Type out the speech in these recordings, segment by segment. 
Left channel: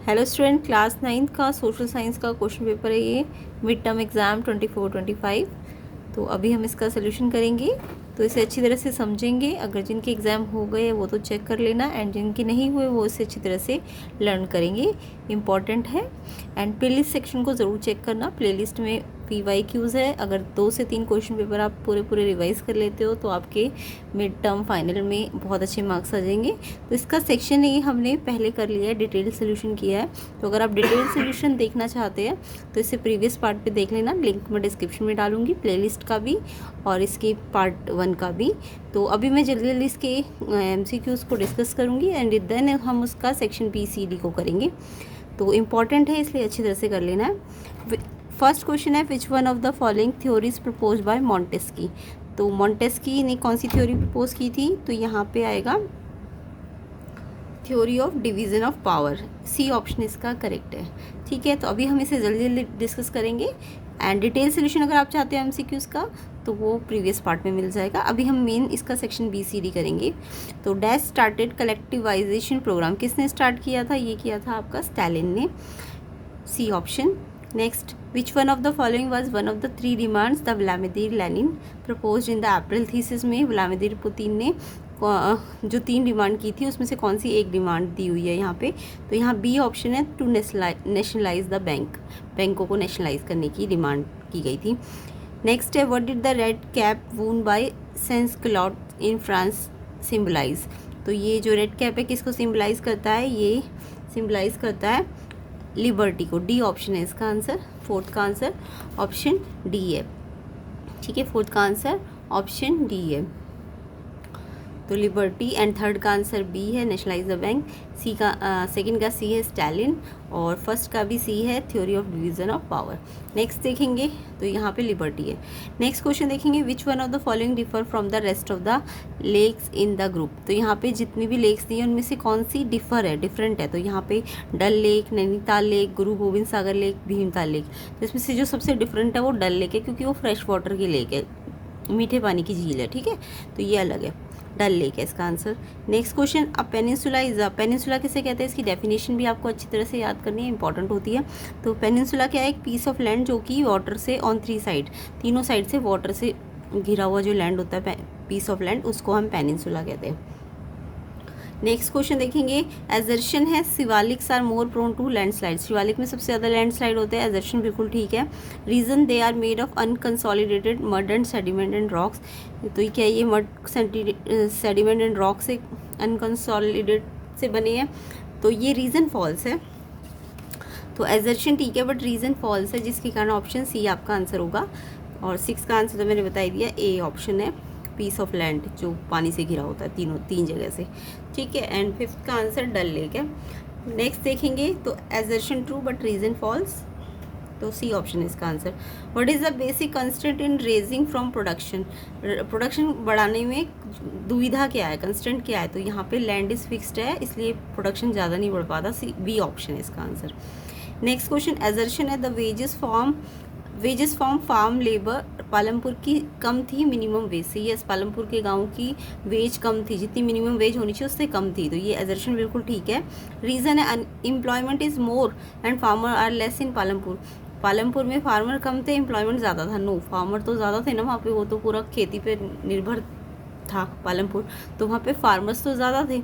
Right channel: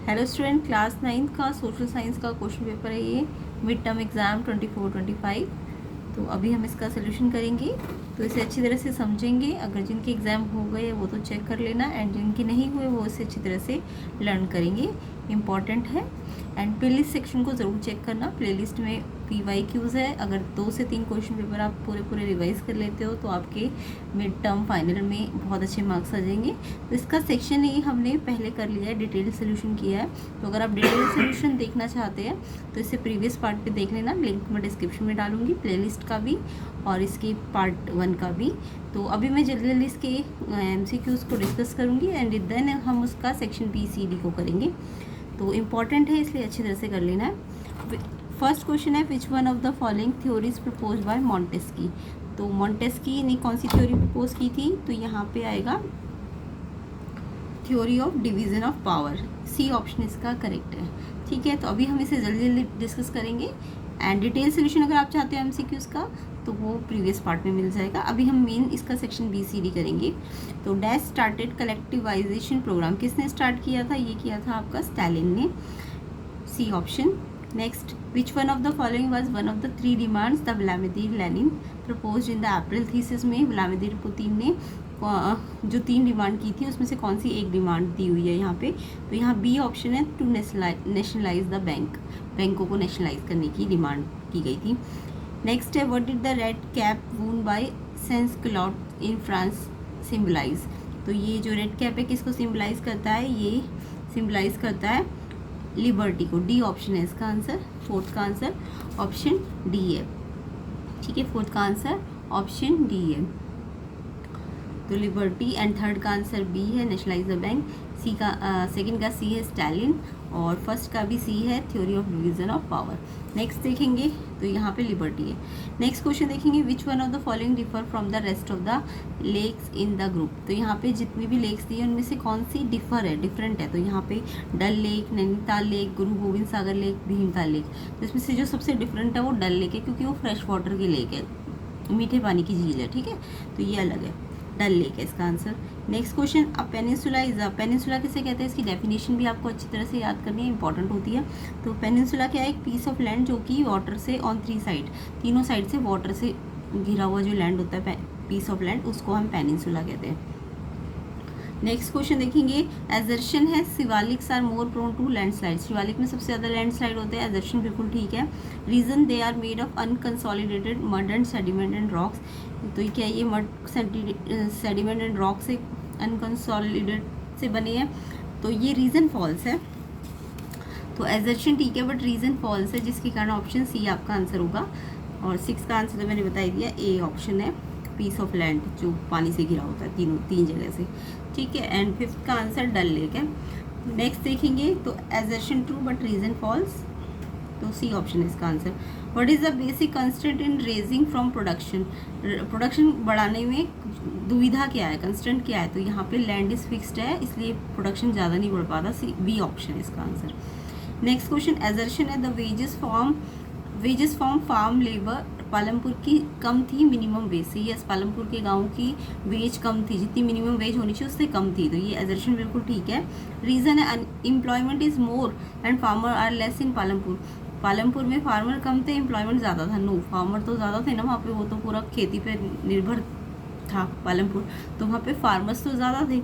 Hello student, class 9th का social science का question paper है ये, मिड टर्म एग्ज़ाम 24-25। तो अभी हम इसका सोल्यूशन करेंगे, तो इसे अच्छी तरह से समझेंगे। अगर जिनके एग्ज़ाम हो गए वो तो चेक कर लेना, एंड जिनके नहीं हुए वो इसे अच्छी तरह से लर्न करेंगे, इम्पॉर्टेंट है। एंड प्लेलिस्ट सेक्शन को ज़रूर चेक करना, प्लेलिस्ट में PYQs है। अगर 2 से 3 क्वेश्चन पेपर आप पूरे रिवाइज कर लेते हो तो आपके मिड टर्म फाइनल में बहुत अच्छे मार्क्स आ जाएंगे। तो इसका सेक्शन ए हमने पहले कर लिया है, डिटेल सोल्यूशन किया है। तो अगर आप डिटेल सोल्यूशन देखना चाहते हैं तो इससे प्रीवियस पार्ट पे देख लेना, लिंक मैं डिस्क्रिप्शन में डालूंगी, प्लेलिस्ट का भी और इसके पार्ट 1 का भी। तो अभी मैं जल्दी जल्दी इसके MCQs को डिस्कस करूँगी, एंड देन हम उसका सेक्शन BCD को करेंगे। तो इम्पॉर्टेंट है, इसलिए अच्छी तरह से कर लेना है। फर्स्ट क्वेश्चन है, which one of the following theories propose by Montesquieu. तो मॉन्टेस्की ने कौन सी थ्योरी प्रपोज की थी? तो यहाँ पे आएगा theory of division of power. C option इसका करेक्ट है। ठीक है, तो अभी हम इसे जल्दी जल्दी डिस्कस करेंगे, एंड डिटेल सोल्यूशन अगर आप चाहते हैं MCQs का तो वो प्रीवियस पार्ट में मिल जाएगा। अभी हम मेन इसका सेक्शन BCD करेंगे। तो डैश स्टार्टेड कलेक्टिवाइजेशन प्रोग्राम, किसने स्टार्ट किया था? ये किया था आपका स्टालिन ने। C option. Next, which one of the following was one of the 3 demands the Vladimir Lenin proposed in the April thesis में व्लादिमीर पुतिन ने जो 3 डिमांड की थी उसमें से कौन सी एक डिमांड दी हुई है यहाँ पे? तो यहाँ बी ऑप्शन है, टू नेशनलाइज द बैंक, बैंकों को नेशनलाइज करने की डिमांड की गई थी। नेक्स्ट है, what did the red cap worn by sans culottes in France symbolise. तो ये जो रेड कैप है किसको सिम्बलाइज करता है? ये सिम्बलाइज करता है लिबर्टी को। डी ऑप्शन है इसका आंसर। फोर्थ का आंसर ऑप्शन डी है। ठीक है, फोर्थ का आंसर ऑप्शन डी है, तो लिबर्टी। एंड थर्ड का आंसर बी है, नेशनलाइज द बैंक। सी का सेकंड का सी है, स्टालिन। और फर्स्ट का भी सी है, theory of division of power. Next देखेंगे तो यहाँ पे लिबर्टी है। नेक्स्ट क्वेश्चन देखेंगे, which one of the following differ from the rest of the lakes in the group. तो यहाँ पे जितनी भी लेक्स दी है उनमें से कौन सी डिफर है, डिफरेंट है? तो यहाँ पे डल लेक, नैनीताल लेक, गुरु गोविंद सागर लेक, भीमताल लेक। तो इसमें से जो सबसे डिफरेंट है वो डल लेक है, क्योंकि वो फ्रेश वाटर की लेक है, मीठे पानी की झील है। ठीक है, तो ये अलग है, डल लेक है इसका answer. Next question, a peninsula is a, peninsula किसे कहते हैं? इसकी डेफिनेशन भी आपको अच्छी तरह से याद करनी है, इंपॉर्टेंट होती है। तो पेनिनसुला क्या है? एक पीस ऑफ लैंड जो कि वाटर से ऑन 3 साइड, तीनों साइड से वाटर से घिरा हुआ जो लैंड होता है, पीस ऑफ लैंड, उसको हम पेनिनसुला कहते हैं। नेक्स्ट क्वेश्चन देखेंगे, एजर्शन है, Shivaliks are more prone to landslide. Shivalik में सबसे ज़्यादा लैंडस्लाइड होते हैं। एजर्शन बिल्कुल ठीक है। Reason, they are made of unconsolidated mud and sediment and rocks. तो ये क्या है? ये मड, सेडिमेंट एंड रॉक से, अनकंसोलिडेट से बने हैं। तो ये रीज़न फॉल्स है। तो एजर्शन ठीक है बट रीज़न फॉल्स है, जिसके कारण ऑप्शन सी आपका आंसर होगा। और 6 का आंसर तो मैंने बता ही दिया, ए ऑप्शन है, पीस ऑफ लैंड जो पानी से घिरा होता है, तीन जगह से। ठीक है, एंड 5th का आंसर डल लेक है। नेक्स्ट देखेंगे तो assertion true but reason false, तो सी ऑप्शन है इसका answer. What is the basic constant in raising from production. Production बढ़ाने में दुविधा क्या है, कंस्टेंट क्या है? तो यहाँ पे लैंड इज फिक्स्ड है, इसलिए प्रोडक्शन ज़्यादा नहीं बढ़ पाता। सी बी ऑप्शन है इसका आंसर। नेक्स्ट क्वेश्चन, एजर्शन है, the wages from farm labour Palampur की कम थी मिनिमम वेज से। यस, पालमपुर के गांव की वेज कम थी, जितनी मिनिमम वेज होनी चाहिए उससे कम थी। तो ये एजर्शन बिल्कुल ठीक है। रीज़न है, employment is more and farmer are less in Palampur. Palampur में फार्मर कम थे, एम्प्लॉयमेंट ज़्यादा था। नो, फार्मर तो ज़्यादा थे ना वहाँ पे, वो तो पूरा खेती पे निर्भर था पालमपुर, तो वहाँ पे फार्मर्स तो ज़्यादा थे।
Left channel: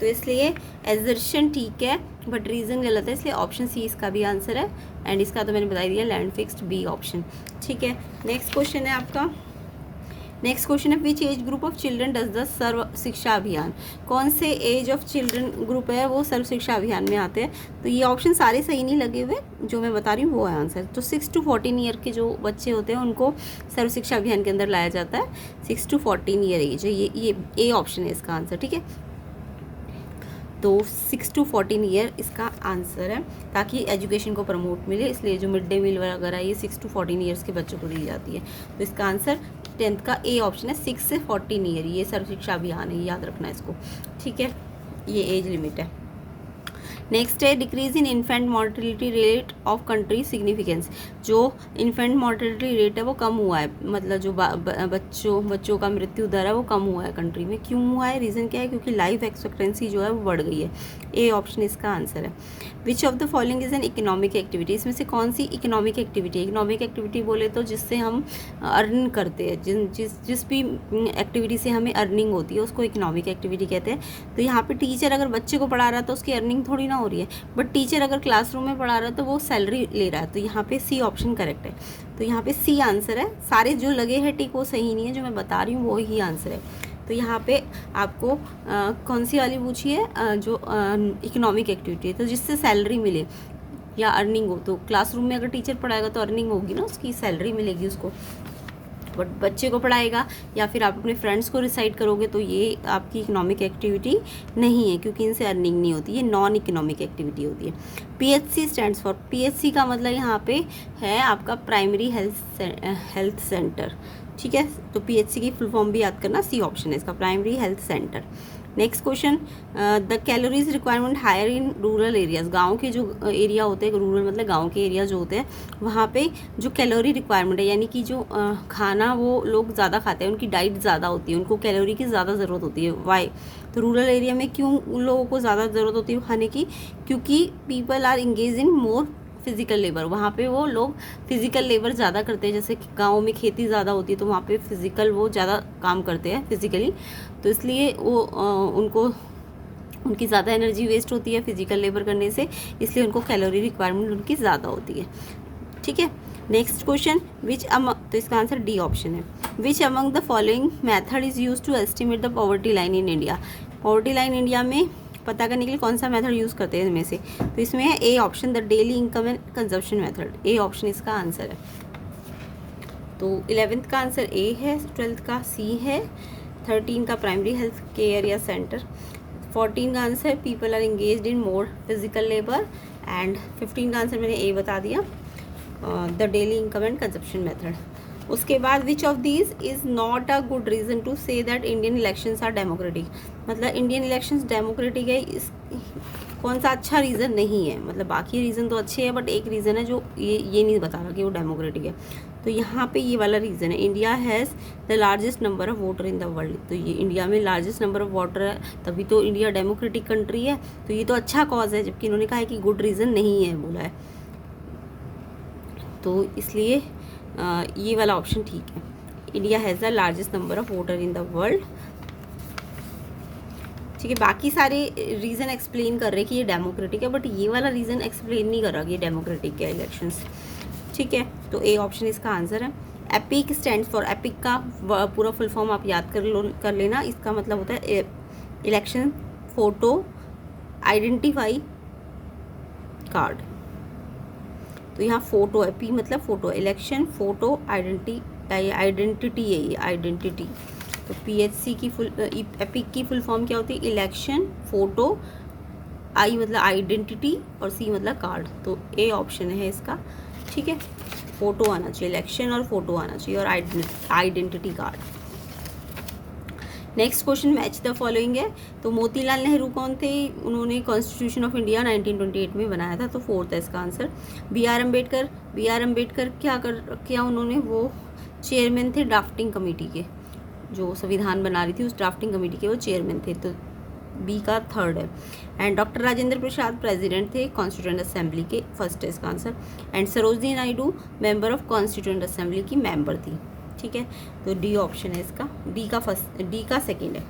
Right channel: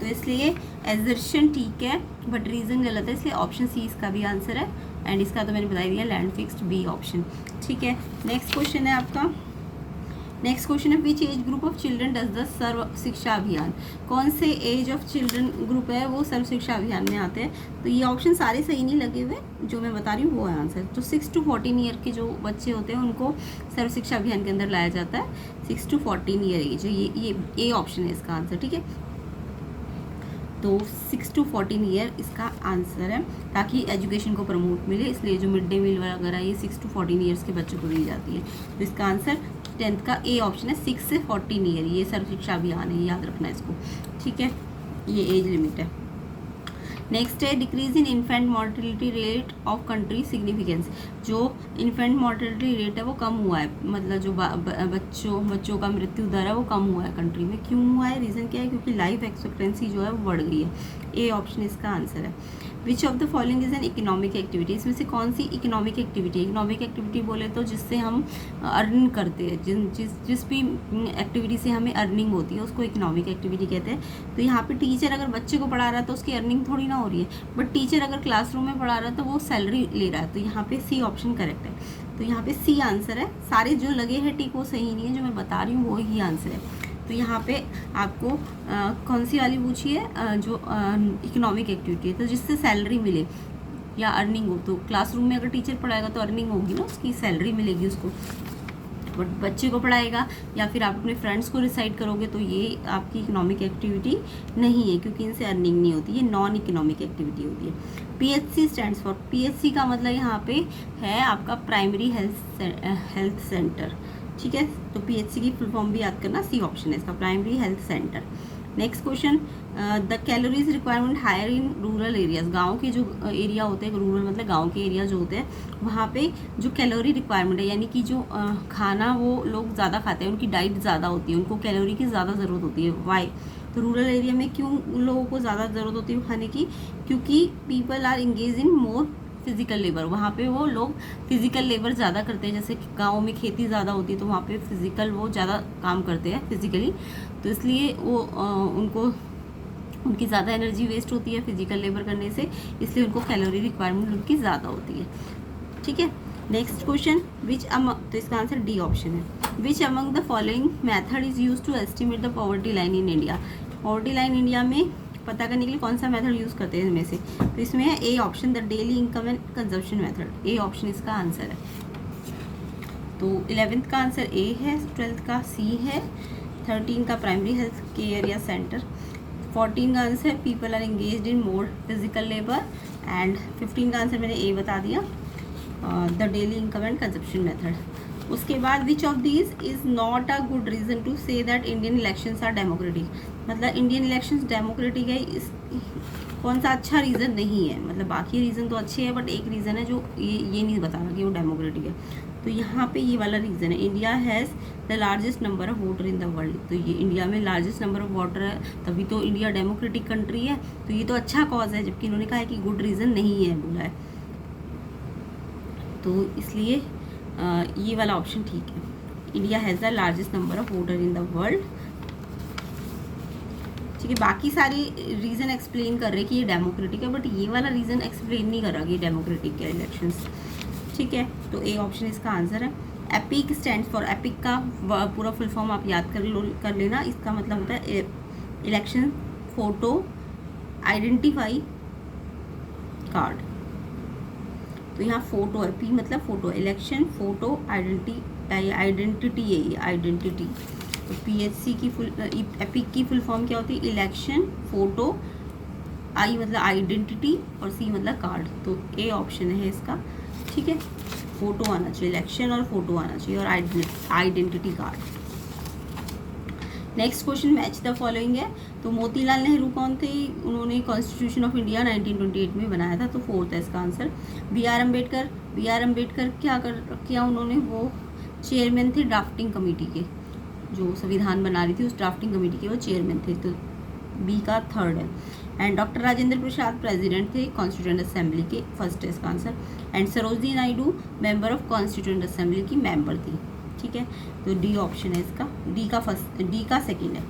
तो इसलिए एजर्शन ठीक है बट रीज़न गलत है, इसलिए ऑप्शन सी इसका भी आंसर है। एंड इसका तो मैंने बता दिया, लैंड फिक्स्ड, बी ऑप्शन। ठीक है, नेक्स्ट क्वेश्चन है आपका। नेक्स्ट क्वेश्चन है, which age group of children does the Sarva Shiksha Abhiyan. कौन से एज ऑफ चिल्ड्रन ग्रुप है वो सर्व शिक्षा अभियान में आते हैं? तो ये ऑप्शन सारे सही नहीं लगे हुए, जो मैं बता रही हूँ वो है आंसर। तो 6 to 14 ईयर के जो बच्चे होते हैं उनको सर्व शिक्षा अभियान के अंदर लाया जाता है। 6 to 14 ईयर एज है, ये ए ऑप्शन है इसका आंसर। ठीक है, तो 6 to 14 ईयर इसका आंसर है, ताकि एजुकेशन को प्रमोट मिले, इसलिए जो मिड डे मील वगैरह ये 6 to 14 ईयर्स के बच्चों को दी जाती है। तो इसका आंसर 10th का ए ऑप्शन है, 6 से 14 ईयर, ये सर्व शिक्षा अभियान है, याद रखना इसको। ठीक है, ये एज लिमिट है। नेक्स्ट है decrease in infant mortality rate of country significance. जो इन्फेंट मॉर्टेलिटी रेट है वो कम हुआ है, मतलब जो बच्चों का मृत्यु दर है वो कम हुआ है कंट्री में। क्यों हुआ है, रीज़न क्या है, क्योंकि लाइफ एक्सपेक्टेंसी जो है वो बढ़ गई है। ए ऑप्शन इसका आंसर है। Which of the following is an economic activity, इसमें से कौन सी इकोनॉमिक एक्टिविटी है। इकोनॉमिक एक्टिविटी बोले तो जिससे हम अर्न करते हैं, जिस भी एक्टिविटी से हमें अर्निंग होती है उसको इकोनॉमिक एक्टिविटी कहते हैं। तो यहाँ पे टीचर अगर बच्चे को पढ़ा रहा है तो उसकी अर्निंग थोड़ी ना हो रही है, बट टीचर अगर क्लासरूम में पढ़ा रहा है तो वो सैलरी ले रहा है। तो यहाँ पे सी ऑप्शन करेक्ट है। तो यहाँ पे सी आंसर है। सारे जो लगे हैं टिक वो सही नहीं है, जो मैं बता रही हूँ वो ही आंसर है। तो यहाँ पे आपको कौन सी वाली पूछी है, जो इकोनॉमिक एक्टिविटी है, तो जिससे सैलरी मिले या अर्निंग हो। तो क्लासरूम में अगर टीचर पढ़ाएगा तो अर्निंग होगी ना, उसकी सैलरी मिलेगी उसको। बट बच्चे को पढ़ाएगा या फिर आप अपने फ्रेंड्स को रिसाइड करोगे तो ये आपकी इकोनॉमिक एक्टिविटी नहीं है, क्योंकि इनसे अर्निंग नहीं होती, ये नॉन इकोनॉमिक एक्टिविटी होती है। पीएचसी स्टैंड्स फॉर, पीएचसी का मतलब यहाँ पे है आपका प्राइमरी हेल्थ सेंटर, ठीक है। तो पीएचसी की फुल फॉर्म भी याद करना, सी ऑप्शन है इसका, primary health centre. Next question, the calories requirement higher in rural areas. गांव के जो एरिया होते हैं, रूरल मतलब गांव के एरिया जो होते हैं, वहाँ पे जो कैलोरी रिक्वायरमेंट है, यानी कि जो खाना वो लोग ज़्यादा खाते हैं, उनकी डाइट ज़्यादा होती है, उनको कैलोरी की ज़्यादा ज़रूरत होती है। वाई, तो रूरल एरिया में क्यों उन लोगों को ज़्यादा ज़रूरत होती है खाने की, क्योंकि people are engage in more physical labour. वहाँ पे वो लोग फिजिकल लेबर ज़्यादा करते हैं, जैसे गाँव में खेती ज़्यादा होती है तो वहाँ पे फिजिकल वो ज़्यादा काम करते हैं फिजिकली, तो इसलिए वो उनकी ज़्यादा एनर्जी वेस्ट होती है फिजिकल लेबर करने से, इसलिए उनको कैलोरी रिक्वायरमेंट उनकी ज़्यादा होती है, ठीक है। नेक्स्ट क्वेश्चन, विच अमंग, तो इसका आंसर डी ऑप्शन है। Which among the following method is use to estimate the poverty line in India. Poverty line India में पता करने के लिए कौन सा मेथड यूज़ करते हैं इनमें से, तो इसमें है A option, the daily income and consumption method. A option इसका आंसर है। तो 11th का आंसर ए है, 12th का सी है, 13 का प्राइमरी हेल्थ केयर या सेंटर, 14 का answer people are engaged in more physical labour, and 15 का आंसर मैंने ए बता दिया, the daily income and consumption method. उसके बाद which of these is not a good reason to say that Indian elections are democratic. मतलब Indian elections democratic है, कौन सा अच्छा रीज़न नहीं है। मतलब बाकी रीज़न तो अच्छे हैं, बट एक रीज़न है जो ये नहीं बता रहा कि वो डेमोक्रेटिक है। तो यहाँ पे ये वाला रीज़न है, India has the largest number of voter in the world. तो ये इंडिया में लार्जेस्ट नंबर ऑफ वोटर है, तभी तो इंडिया डेमोक्रेटिक कंट्री है। तो ये तो अच्छा कॉज है, जबकि इन्होंने कहा है कि गुड रीज़न नहीं है बोला है, तो इसलिए ये वाला ऑप्शन ठीक है। India has the largest number of voter in the world, ठीक है। बाकी सारे रीज़न एक्सप्लेन कर रहे हैं कि ये डेमोक्रेटिक है, बट ये वाला रीज़न एक्सप्लेन नहीं कर रहा कि ये डेमोक्रेटिक है इलेक्शंस, ठीक है। तो ए ऑप्शन इसका आंसर है। एपिक स्टैंड्स फॉर, एपिक का पूरा फुल फॉर्म आप याद कर लेना। इसका मतलब होता है इलेक्शन फोटो आइडेंटिफाई कार्ड। तो यहाँ फोटो है, पी मतलब फोटो, इलेक्शन फोटो आइडेंटिटी है ये, आइडेंटिटी। तो पीएचसी की एपिक की फुल फॉर्म क्या होती है, इलेक्शन फोटो, आई मतलब आइडेंटिटी और सी मतलब कार्ड। तो ए ऑप्शन है इसका, ठीक है। फोटो आना चाहिए, इलेक्शन और फोटो आना चाहिए, और identity card. Next question, match the following है। तो मोतीलाल नेहरू कौन थे, उन्होंने कॉन्स्टिट्यूशन ऑफ इंडिया 1928 में बनाया था, तो 4th है इसका आंसर। बी आर अम्बेडकर क्या उन्होंने, वो चेयरमैन थे ड्राफ्टिंग कमेटी के, जो संविधान बना रही थी उस ड्राफ्टिंग कमेटी के वो चेयरमैन थे, तो बी का 3rd है। And doctor Rajendra Prasad president थे कॉन्स्टिट्यूएंट असेंबली के, 1st है इसका answer. And Sarojini Naidu member of constituent assembly की मेंबर थी, ठीक है। तो डी ऑप्शन है इसका, डी का 2nd है।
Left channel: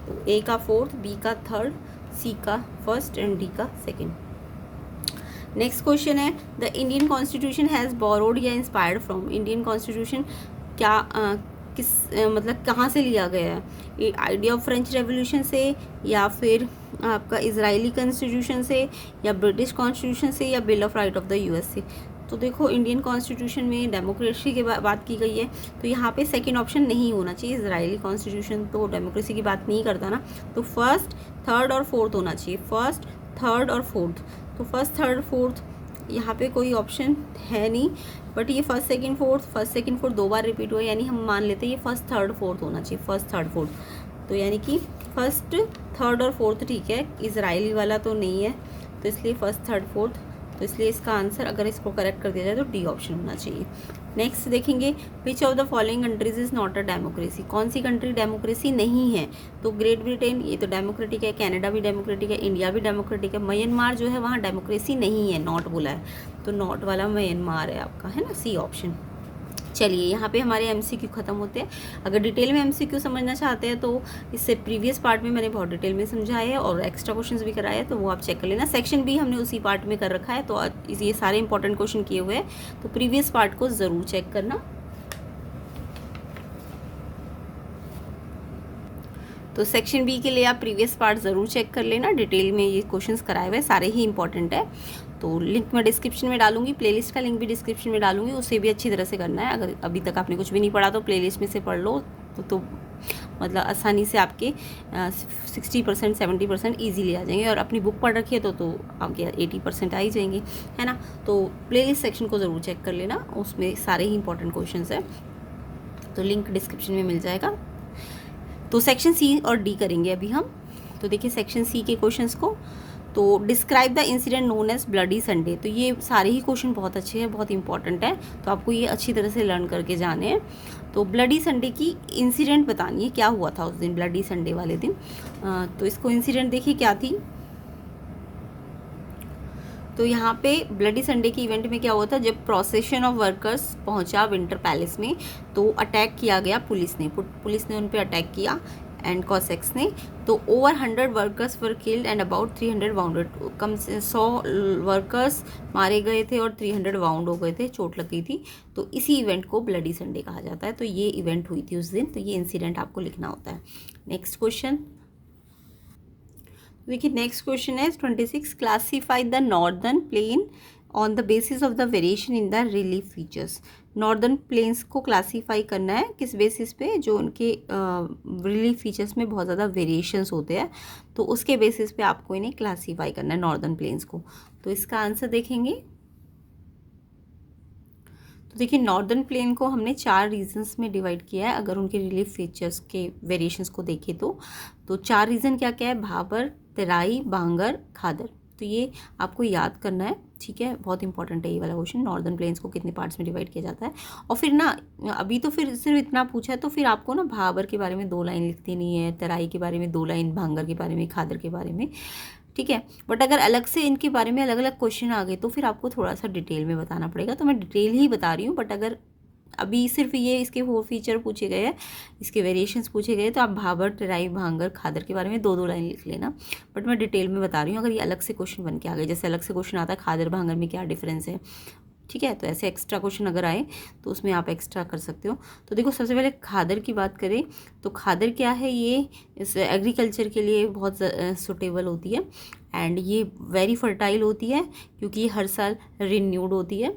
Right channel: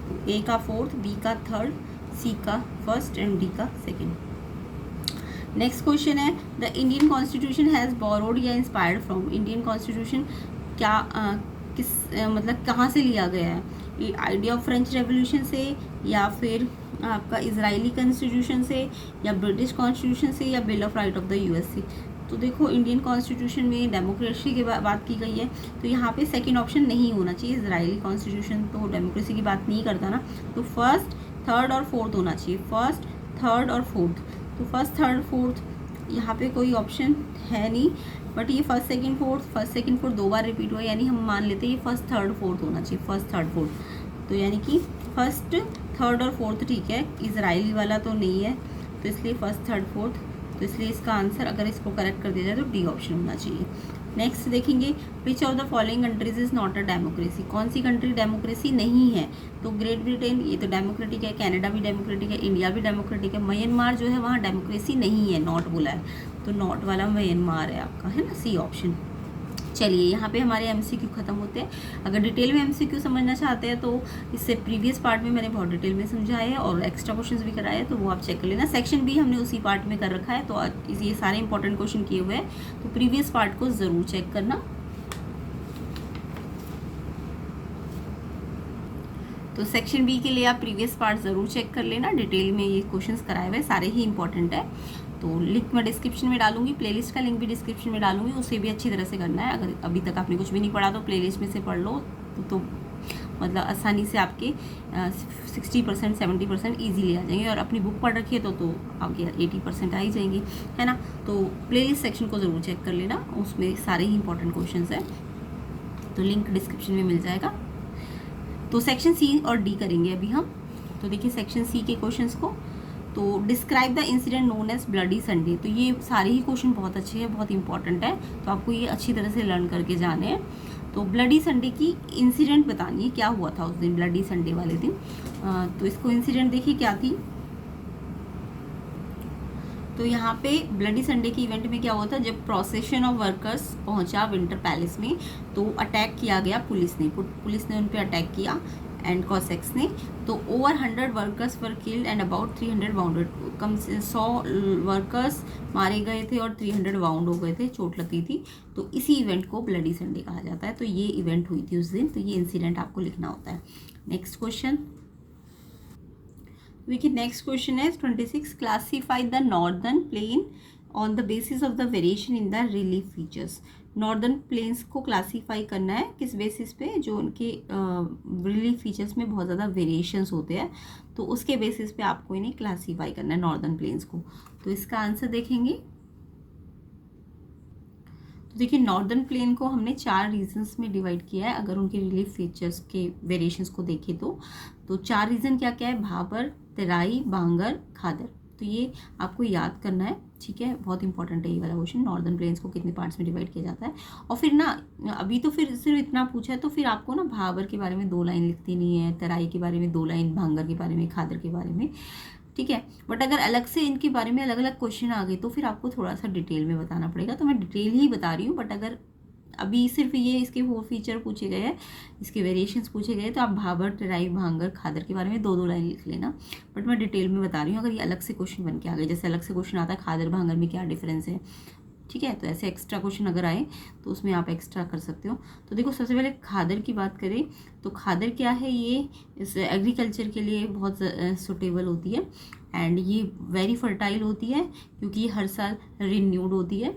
तो ए का 4th, बी का 3rd, सी का 1st एंड डी का 2nd। नेक्स्ट क्वेश्चन है, the Indian constitution has borrowed या इंस्पायर्ड फ्रॉम। इंडियन कॉन्स्टिट्यूशन क्या मतलब कहाँ से लिया गया है, आइडिया ऑफ फ्रेंच रेवोल्यूशन से, या फिर आपका इजरायली कॉन्स्टिट्यूशन से, या ब्रिटिश कॉन्स्टिट्यूशन से, या bill of right of the US से। तो देखो इंडियन कॉन्स्टिट्यूशन में डेमोक्रेसी की बात की गई है, तो यहाँ पे 2nd ऑप्शन नहीं होना चाहिए। इजरायली कॉन्स्टिट्यूशन तो डेमोक्रेसी की बात नहीं करता ना, तो 1st, 3rd और 4th होना चाहिए, 1st, 3rd और 4th। तो 1st, 3rd, 4th यहाँ पे कोई ऑप्शन है नहीं, बट ये 1st, 2nd, 4th 2 बार रिपीट हुआ, यानी हम मान लेते हैं ये 1st, 3rd, 4th होना चाहिए, 1st, 3rd, 4th। तो यानी कि 1st, 3rd और 4th ठीक है, इजरायली वाला तो नहीं है, तो इसलिए फर्स्ट, थर्ड, फोर्थ, तो इसलिए इसका आंसर अगर इसको करेक्ट कर दिया जाए तो डी ऑप्शन होना चाहिए। नेक्स्ट देखेंगे, which of the following countries is not a democracy, कौन सी कंट्री डेमोक्रेसी नहीं है? तो ग्रेट ब्रिटेन, ये तो डेमोक्रेटिक है, कनाडा भी डेमोक्रेटिक है, इंडिया भी डेमोक्रेटिक है, म्यांमार जो है वहाँ डेमोक्रेसी नहीं है, नॉट बोला है, तो नॉट वाला म्यांमार है आपका, है ना, सी ऑप्शन। चलिए यहाँ पे हमारे एमसीक्यू खत्म होते हैं। अगर डिटेल में एमसीक्यू समझना चाहते हैं तो इससे प्रीवियस पार्ट में मैंने बहुत डिटेल में समझाया है और एक्स्ट्रा क्वेश्चंस भी कराए हैं, तो वो आप चेक कर लेना। सेक्शन भी हमने उसी पार्ट में कर रखा है, तो ये सारे इंपॉर्टेंट क्वेश्चन किए हुए हैं, तो प्रीवियस पार्ट को ज़रूर चेक करना। तो सेक्शन बी के लिए आप प्रीवियस पार्ट ज़रूर चेक कर लेना, डिटेल में ये क्वेश्चंस कराए हुए सारे ही इंपॉर्टेंट है। तो लिंक मैं डिस्क्रिप्शन में डालूंगी, प्लेलिस्ट का लिंक भी डिस्क्रिप्शन में डालूंगी, उसे भी अच्छी तरह से करना है। अगर अभी तक आपने कुछ भी नहीं पढ़ा तो प्लेलिस्ट में से पढ़ लो, तो मतलब आसानी से आपके 60% 70% ईजीली आ जाएंगे, और अपनी बुक पढ़ रखी है तो आपके 80% आ ही जाएंगे, है ना। तो प्लेलिस्ट सेक्शन को ज़रूर चेक कर लेना, उसमें सारे ही इंपॉर्टेंट क्वेश्चन है, तो लिंक डिस्क्रिप्शन में मिल जाएगा। तो सेक्शन सी और डी करेंगे अभी हम। तो देखिए सेक्शन सी के क्वेश्चंस को, तो describe the incident known as Bloody Sunday, तो ये सारे ही क्वेश्चन बहुत अच्छे हैं, बहुत इंपॉर्टेंट है, तो आपको ये अच्छी तरह से लर्न करके जाने हैं। तो ब्लडी संडे की इंसिडेंट बतानी है, क्या हुआ था उस दिन, ब्लडी संडे वाले दिन। तो इसको इंसिडेंट देखिए क्या थी। तो यहाँ पे ब्लडी संडे की इवेंट में क्या हुआ था, जब प्रोसेशन ऑफ वर्कर्स पहुंचा विंटर पैलेस में, तो अटैक किया गया पुलिस ने उन पे अटैक किया एंड कॉसेक्स ने। तो over 100 workers were killed and about 300 wounded, कम से 100 वर्कर्स मारे गए थे और 300 वाउंड हो गए थे, चोट लग गई थी। तो इसी इवेंट को ब्लडी संडे कहा जाता है। तो ये इवेंट हुई थी उस दिन, तो ये इंसिडेंट आपको लिखना होता है। नेक्स्ट क्वेश्चन देखिए, नेक्स्ट क्वेश्चन है 26, classify the northern plain on the basis of the variation in the relief features. Northern plains को क्लासीफाई करना है किस बेसिस पे, जो उनके रिलीफ फीचर्स में बहुत ज़्यादा वेरिएशंस होते हैं, तो उसके बेसिस पे आपको इन्हें क्लासीफाई करना है नॉर्दर्न प्लेन्स को। तो इसका आंसर देखेंगे, तो देखिए नॉर्दर्न प्लेन को हमने 4 रीजन्स में डिवाइड किया है। अगर उनके रिलीफ फीचर्स के वेरिएशंस को देखें तो 4 रीजन क्या क्या है, भाबर, तराई, बांगर, खादर। तो ये आपको याद करना है, ठीक है, बहुत इंपॉर्टेंट है ये वाला क्वेश्चन, नॉर्दर्न प्लेन्स को कितने पार्ट्स में डिवाइड किया जाता है। और फिर ना अभी तो फिर सिर्फ इतना पूछा है, तो फिर आपको ना भाबर के बारे में 2 लाइन लिखती नहीं है, तराई के बारे में 2 लाइन, भांगर के बारे में, खादर के बारे में, ठीक है। बट अगर अलग से इनके बारे में अलग अलग क्वेश्चन आ गए तो फिर आपको थोड़ा सा डिटेल में बताना पड़ेगा, तो मैं डिटेल ही बता रही हूँ। बट अगर अभी सिर्फ ये इसके 4 फीचर पूछे गए हैं, इसके वेरिएशंस पूछे गए, तो आप भाबर, तराई, भांगर, खादर के बारे में 2-2 लाइन लिख लेना। बट मैं डिटेल में बता रही हूँ, अगर ये अलग से क्वेश्चन बन के आ गए, जैसे अलग से क्वेश्चन आता है खादर भांगर में क्या डिफरेंस है, ठीक है, तो ऐसे एक्स्ट्रा क्वेश्चन अगर आए तो उसमें आप एक्स्ट्रा कर सकते हो। तो देखो सबसे पहले खादर की बात करें तो खादर क्या है, ये इस एग्रीकल्चर के लिए बहुत सुटेबल होती है एंड ये वेरी फर्टाइल होती है, क्योंकि ये हर साल रिन्यूड होती है।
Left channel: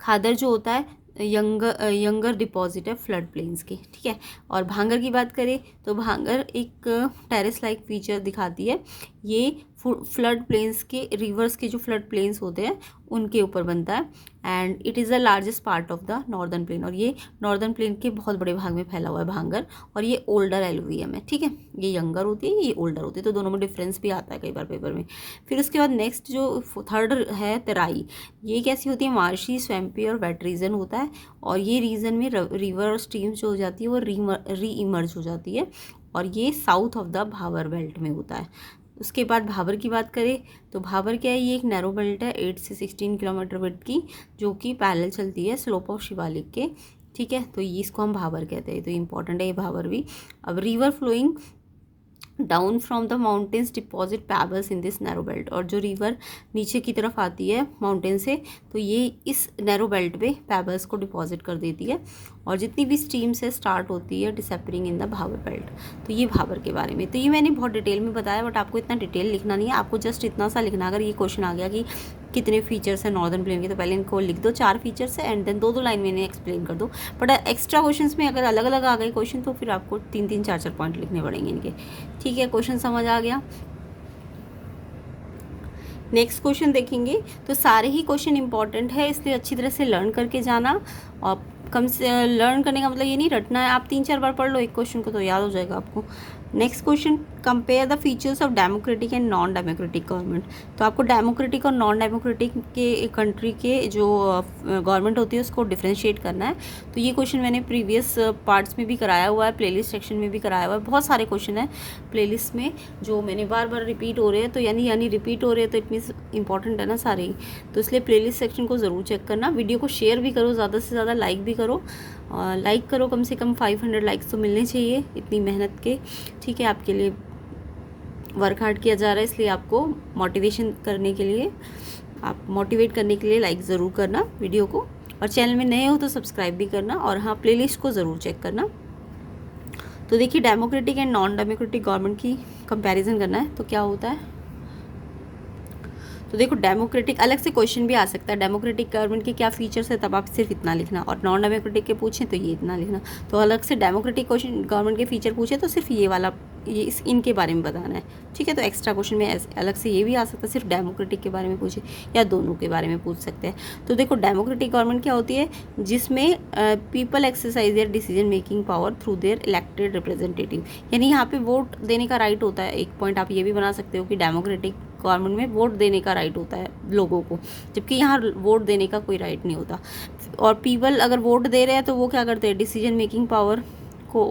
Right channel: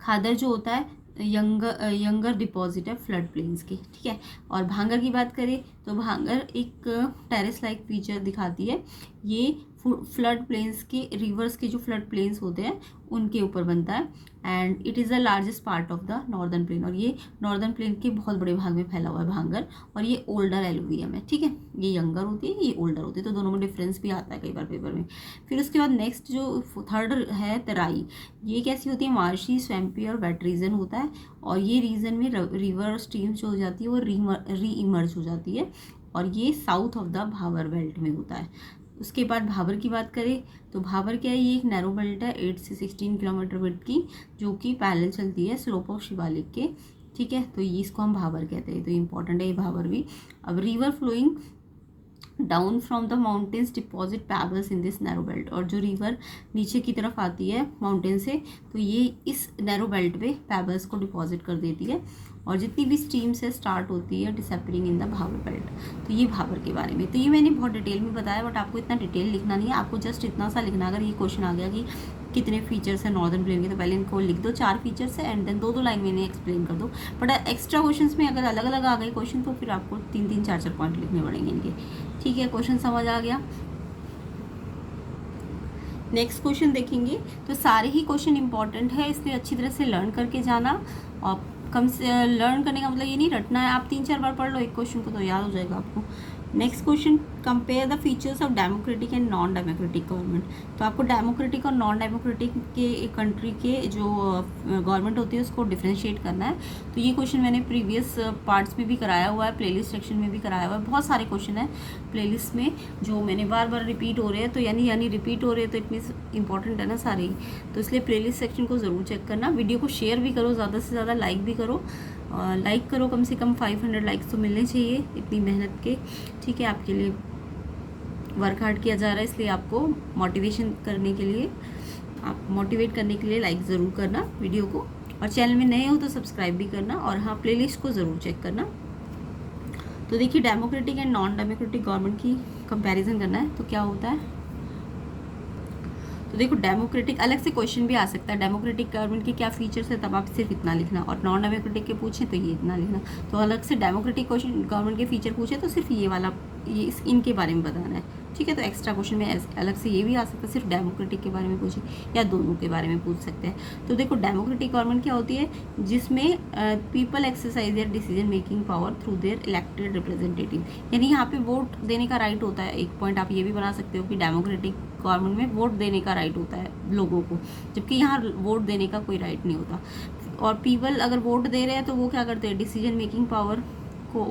खादर जो होता है यंगर डिपॉजिट है फ्लड प्लेन्स के, ठीक है। और भांगर की बात करें तो भांगर एक टेरेस लाइक फीचर दिखाती है, ये फ्लड प्लेन्स के, रिवर्स के जो फ्लड प्लेन्स होते हैं उनके ऊपर बनता है and it is the largest part of the northern plain, और ये नॉर्दर्न प्लेन के बहुत बड़े भाग में फैला हुआ है भांगर, और ये ओल्डर एलुवियम है, ठीक है। ये यंगर होती है, ये ओल्डर होती है, तो दोनों में डिफरेंस भी आता है कई बार पेपर में। फिर उसके बाद नेक्स्ट जो थर्ड है तराई, ये कैसी होती है, मार्शी, स्वैम्पी और वेट रीजन होता है, और ये रीजन में रिवर और स्ट्रीम जो हो जाती है वो री इमर्ज हो जाती है, और ये south of the Bhabar belt में होता है। उसके बाद भाबर की बात करें तो भाबर क्या है, ये एक नैरो बेल्ट है 8 से 16 किलोमीटर विड्थ की, जो कि पैरेलल चलती है स्लोप ऑफ शिवालिक के, ठीक है। तो ये इसको हम भाबर कहते हैं, तो इंपॉर्टेंट है ये भाबर भी। अब river flowing down from the mountains deposit pebbles in this narrow belt, और जो रिवर नीचे की तरफ आती है माउंटेन से तो ये इस नैरो बेल्ट पे पैबल्स को डिपॉजिट कर देती है, और जितनी भी स्ट्रीम से स्टार्ट होती है disappearing in the Bhabar belt. तो ये भाबर के बारे में, तो ये मैंने बहुत डिटेल में बताया, बट आपको इतना डिटेल लिखना नहीं है, आपको जस्ट इतना सा लिखना। अगर ये क्वेश्चन आ गया कि कितने फीचर्स हैं नॉर्दर्न प्लेन के, तो पहले इनको लिख दो 4 फीचर्स है एंड देन 2-2 लाइन में इन्हें एक्सप्लेन कर दो। बट एक्स्ट्रा क्वेश्चन में अगर अलग अलग आ गए क्वेश्चन तो फिर आपको 3-3, 4-4 पॉइंट लिखने पड़ेंगे इनके, ठीक है। क्वेश्चन समझ आ गया। नेक्स्ट क्वेश्चन देखेंगे, तो सारे ही क्वेश्चन इंपॉर्टेंट है, इसलिए अच्छी तरह से लर्न करके जाना। और कम से लर्न करने का मतलब ये नहीं रटना है, आप 3-4 बार पढ़ लो एक क्वेश्चन को तो याद हो जाएगा आपको। Next question, compare the features of democratic and non democratic government. तो आपको डेमोक्रेटिक और नॉन डेमोक्रेटिक के कंट्री के जो गवर्नमेंट होती है उसको डिफ्रेंशिएट करना है। तो ये क्वेश्चन मैंने प्रीवियस पार्ट्स में भी कराया हुआ है, प्लेलिस्ट सेक्शन में भी कराया हुआ है। बहुत सारे क्वेश्चन हैं प्लेलिस्ट में जो मैंने बार बार रिपीट हो रहे हैं, तो यानी रिपीट हो रहे हैं तो इट मीन्स इंपॉर्टेंट है ना सारे ही। तो इसलिए प्लेलिस्ट सेक्शन को ज़रूर चेक करना। वीडियो को शेयर भी करो, ज़्यादा से ज़्यादा लाइक भी करो। लाइक करो, कम से कम 500 लाइक्स तो मिलने चाहिए इतनी मेहनत के। ठीक है, आपके लिए वर्क हार्ड किया जा रहा है, इसलिए आपको मोटिवेशन करने के लिए, आप मोटिवेट करने के लिए लाइक ज़रूर करना वीडियो को। और चैनल में नए हो तो सब्सक्राइब भी करना, और हाँ प्लेलिस्ट को ज़रूर चेक करना। तो देखिए, democratic and non democratic government की कंपैरिजन करना है तो क्या होता है। तो देखो, डेमोक्रेटिक अलग से क्वेश्चन भी आ सकता है, डेमोक्रेटिक गवर्नमेंट के क्या फीचर्स है, तब आप सिर्फ इतना लिखना, और नॉन डेमोक्रेटिक के पूछें तो ये इतना लिखना। तो अलग से डेमोक्रेटिक क्वेश्चन गवर्नमेंट के फीचर पूछे तो सिर्फ ये वाला, ये इनके बारे में बताना है। ठीक है, तो एक्स्ट्रा क्वेश्चन में अलग से ये भी आ सकता है, सिर्फ डेमोक्रेटिक के बारे में पूछे या दोनों के बारे में पूछ सकते हैं। तो देखो, डेमोक्रेटिक गवर्नमेंट क्या होती है, जिसमें people exercise there decision making power through their elected representative. यानी यहाँ पे वोट देने का राइट होता है। एक पॉइंट आप ये भी बना सकते हो कि डेमोक्रेटिक गवर्नमेंट में वोट देने का राइट होता है लोगों को, जबकि यहाँ वोट देने का कोई राइट नहीं होता। और पीपल अगर वोट दे रहे हैं तो वो क्या करते हैं, डिसीजन मेकिंग पावर को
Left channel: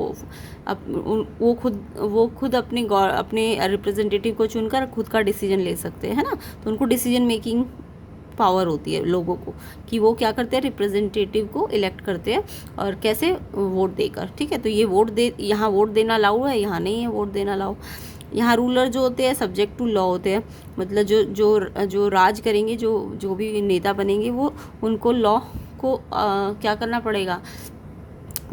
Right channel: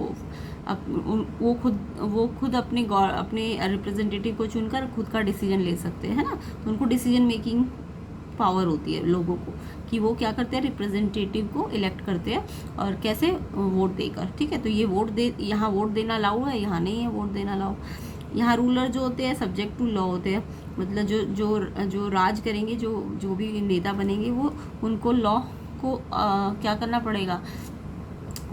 वो खुद अपने रिप्रेजेंटेटिव को चुनकर खुद का डिसीजन ले सकते हैं, है ना। तो उनको डिसीजन मेकिंग पावर होती है लोगों को, कि वो क्या करते हैं, रिप्रेजेंटेटिव को इलेक्ट करते हैं, और कैसे, वोट देकर। ठीक है, तो ये यहाँ वोट देना अलाउ है, यहाँ नहीं है वोट देना अलाउ। यहाँ रूलर जो होते हैं सब्जेक्ट टू लॉ होते हैं, मतलब जो राज करेंगे, जो भी नेता बनेंगे, वो उनको लॉ को क्या करना पड़ेगा,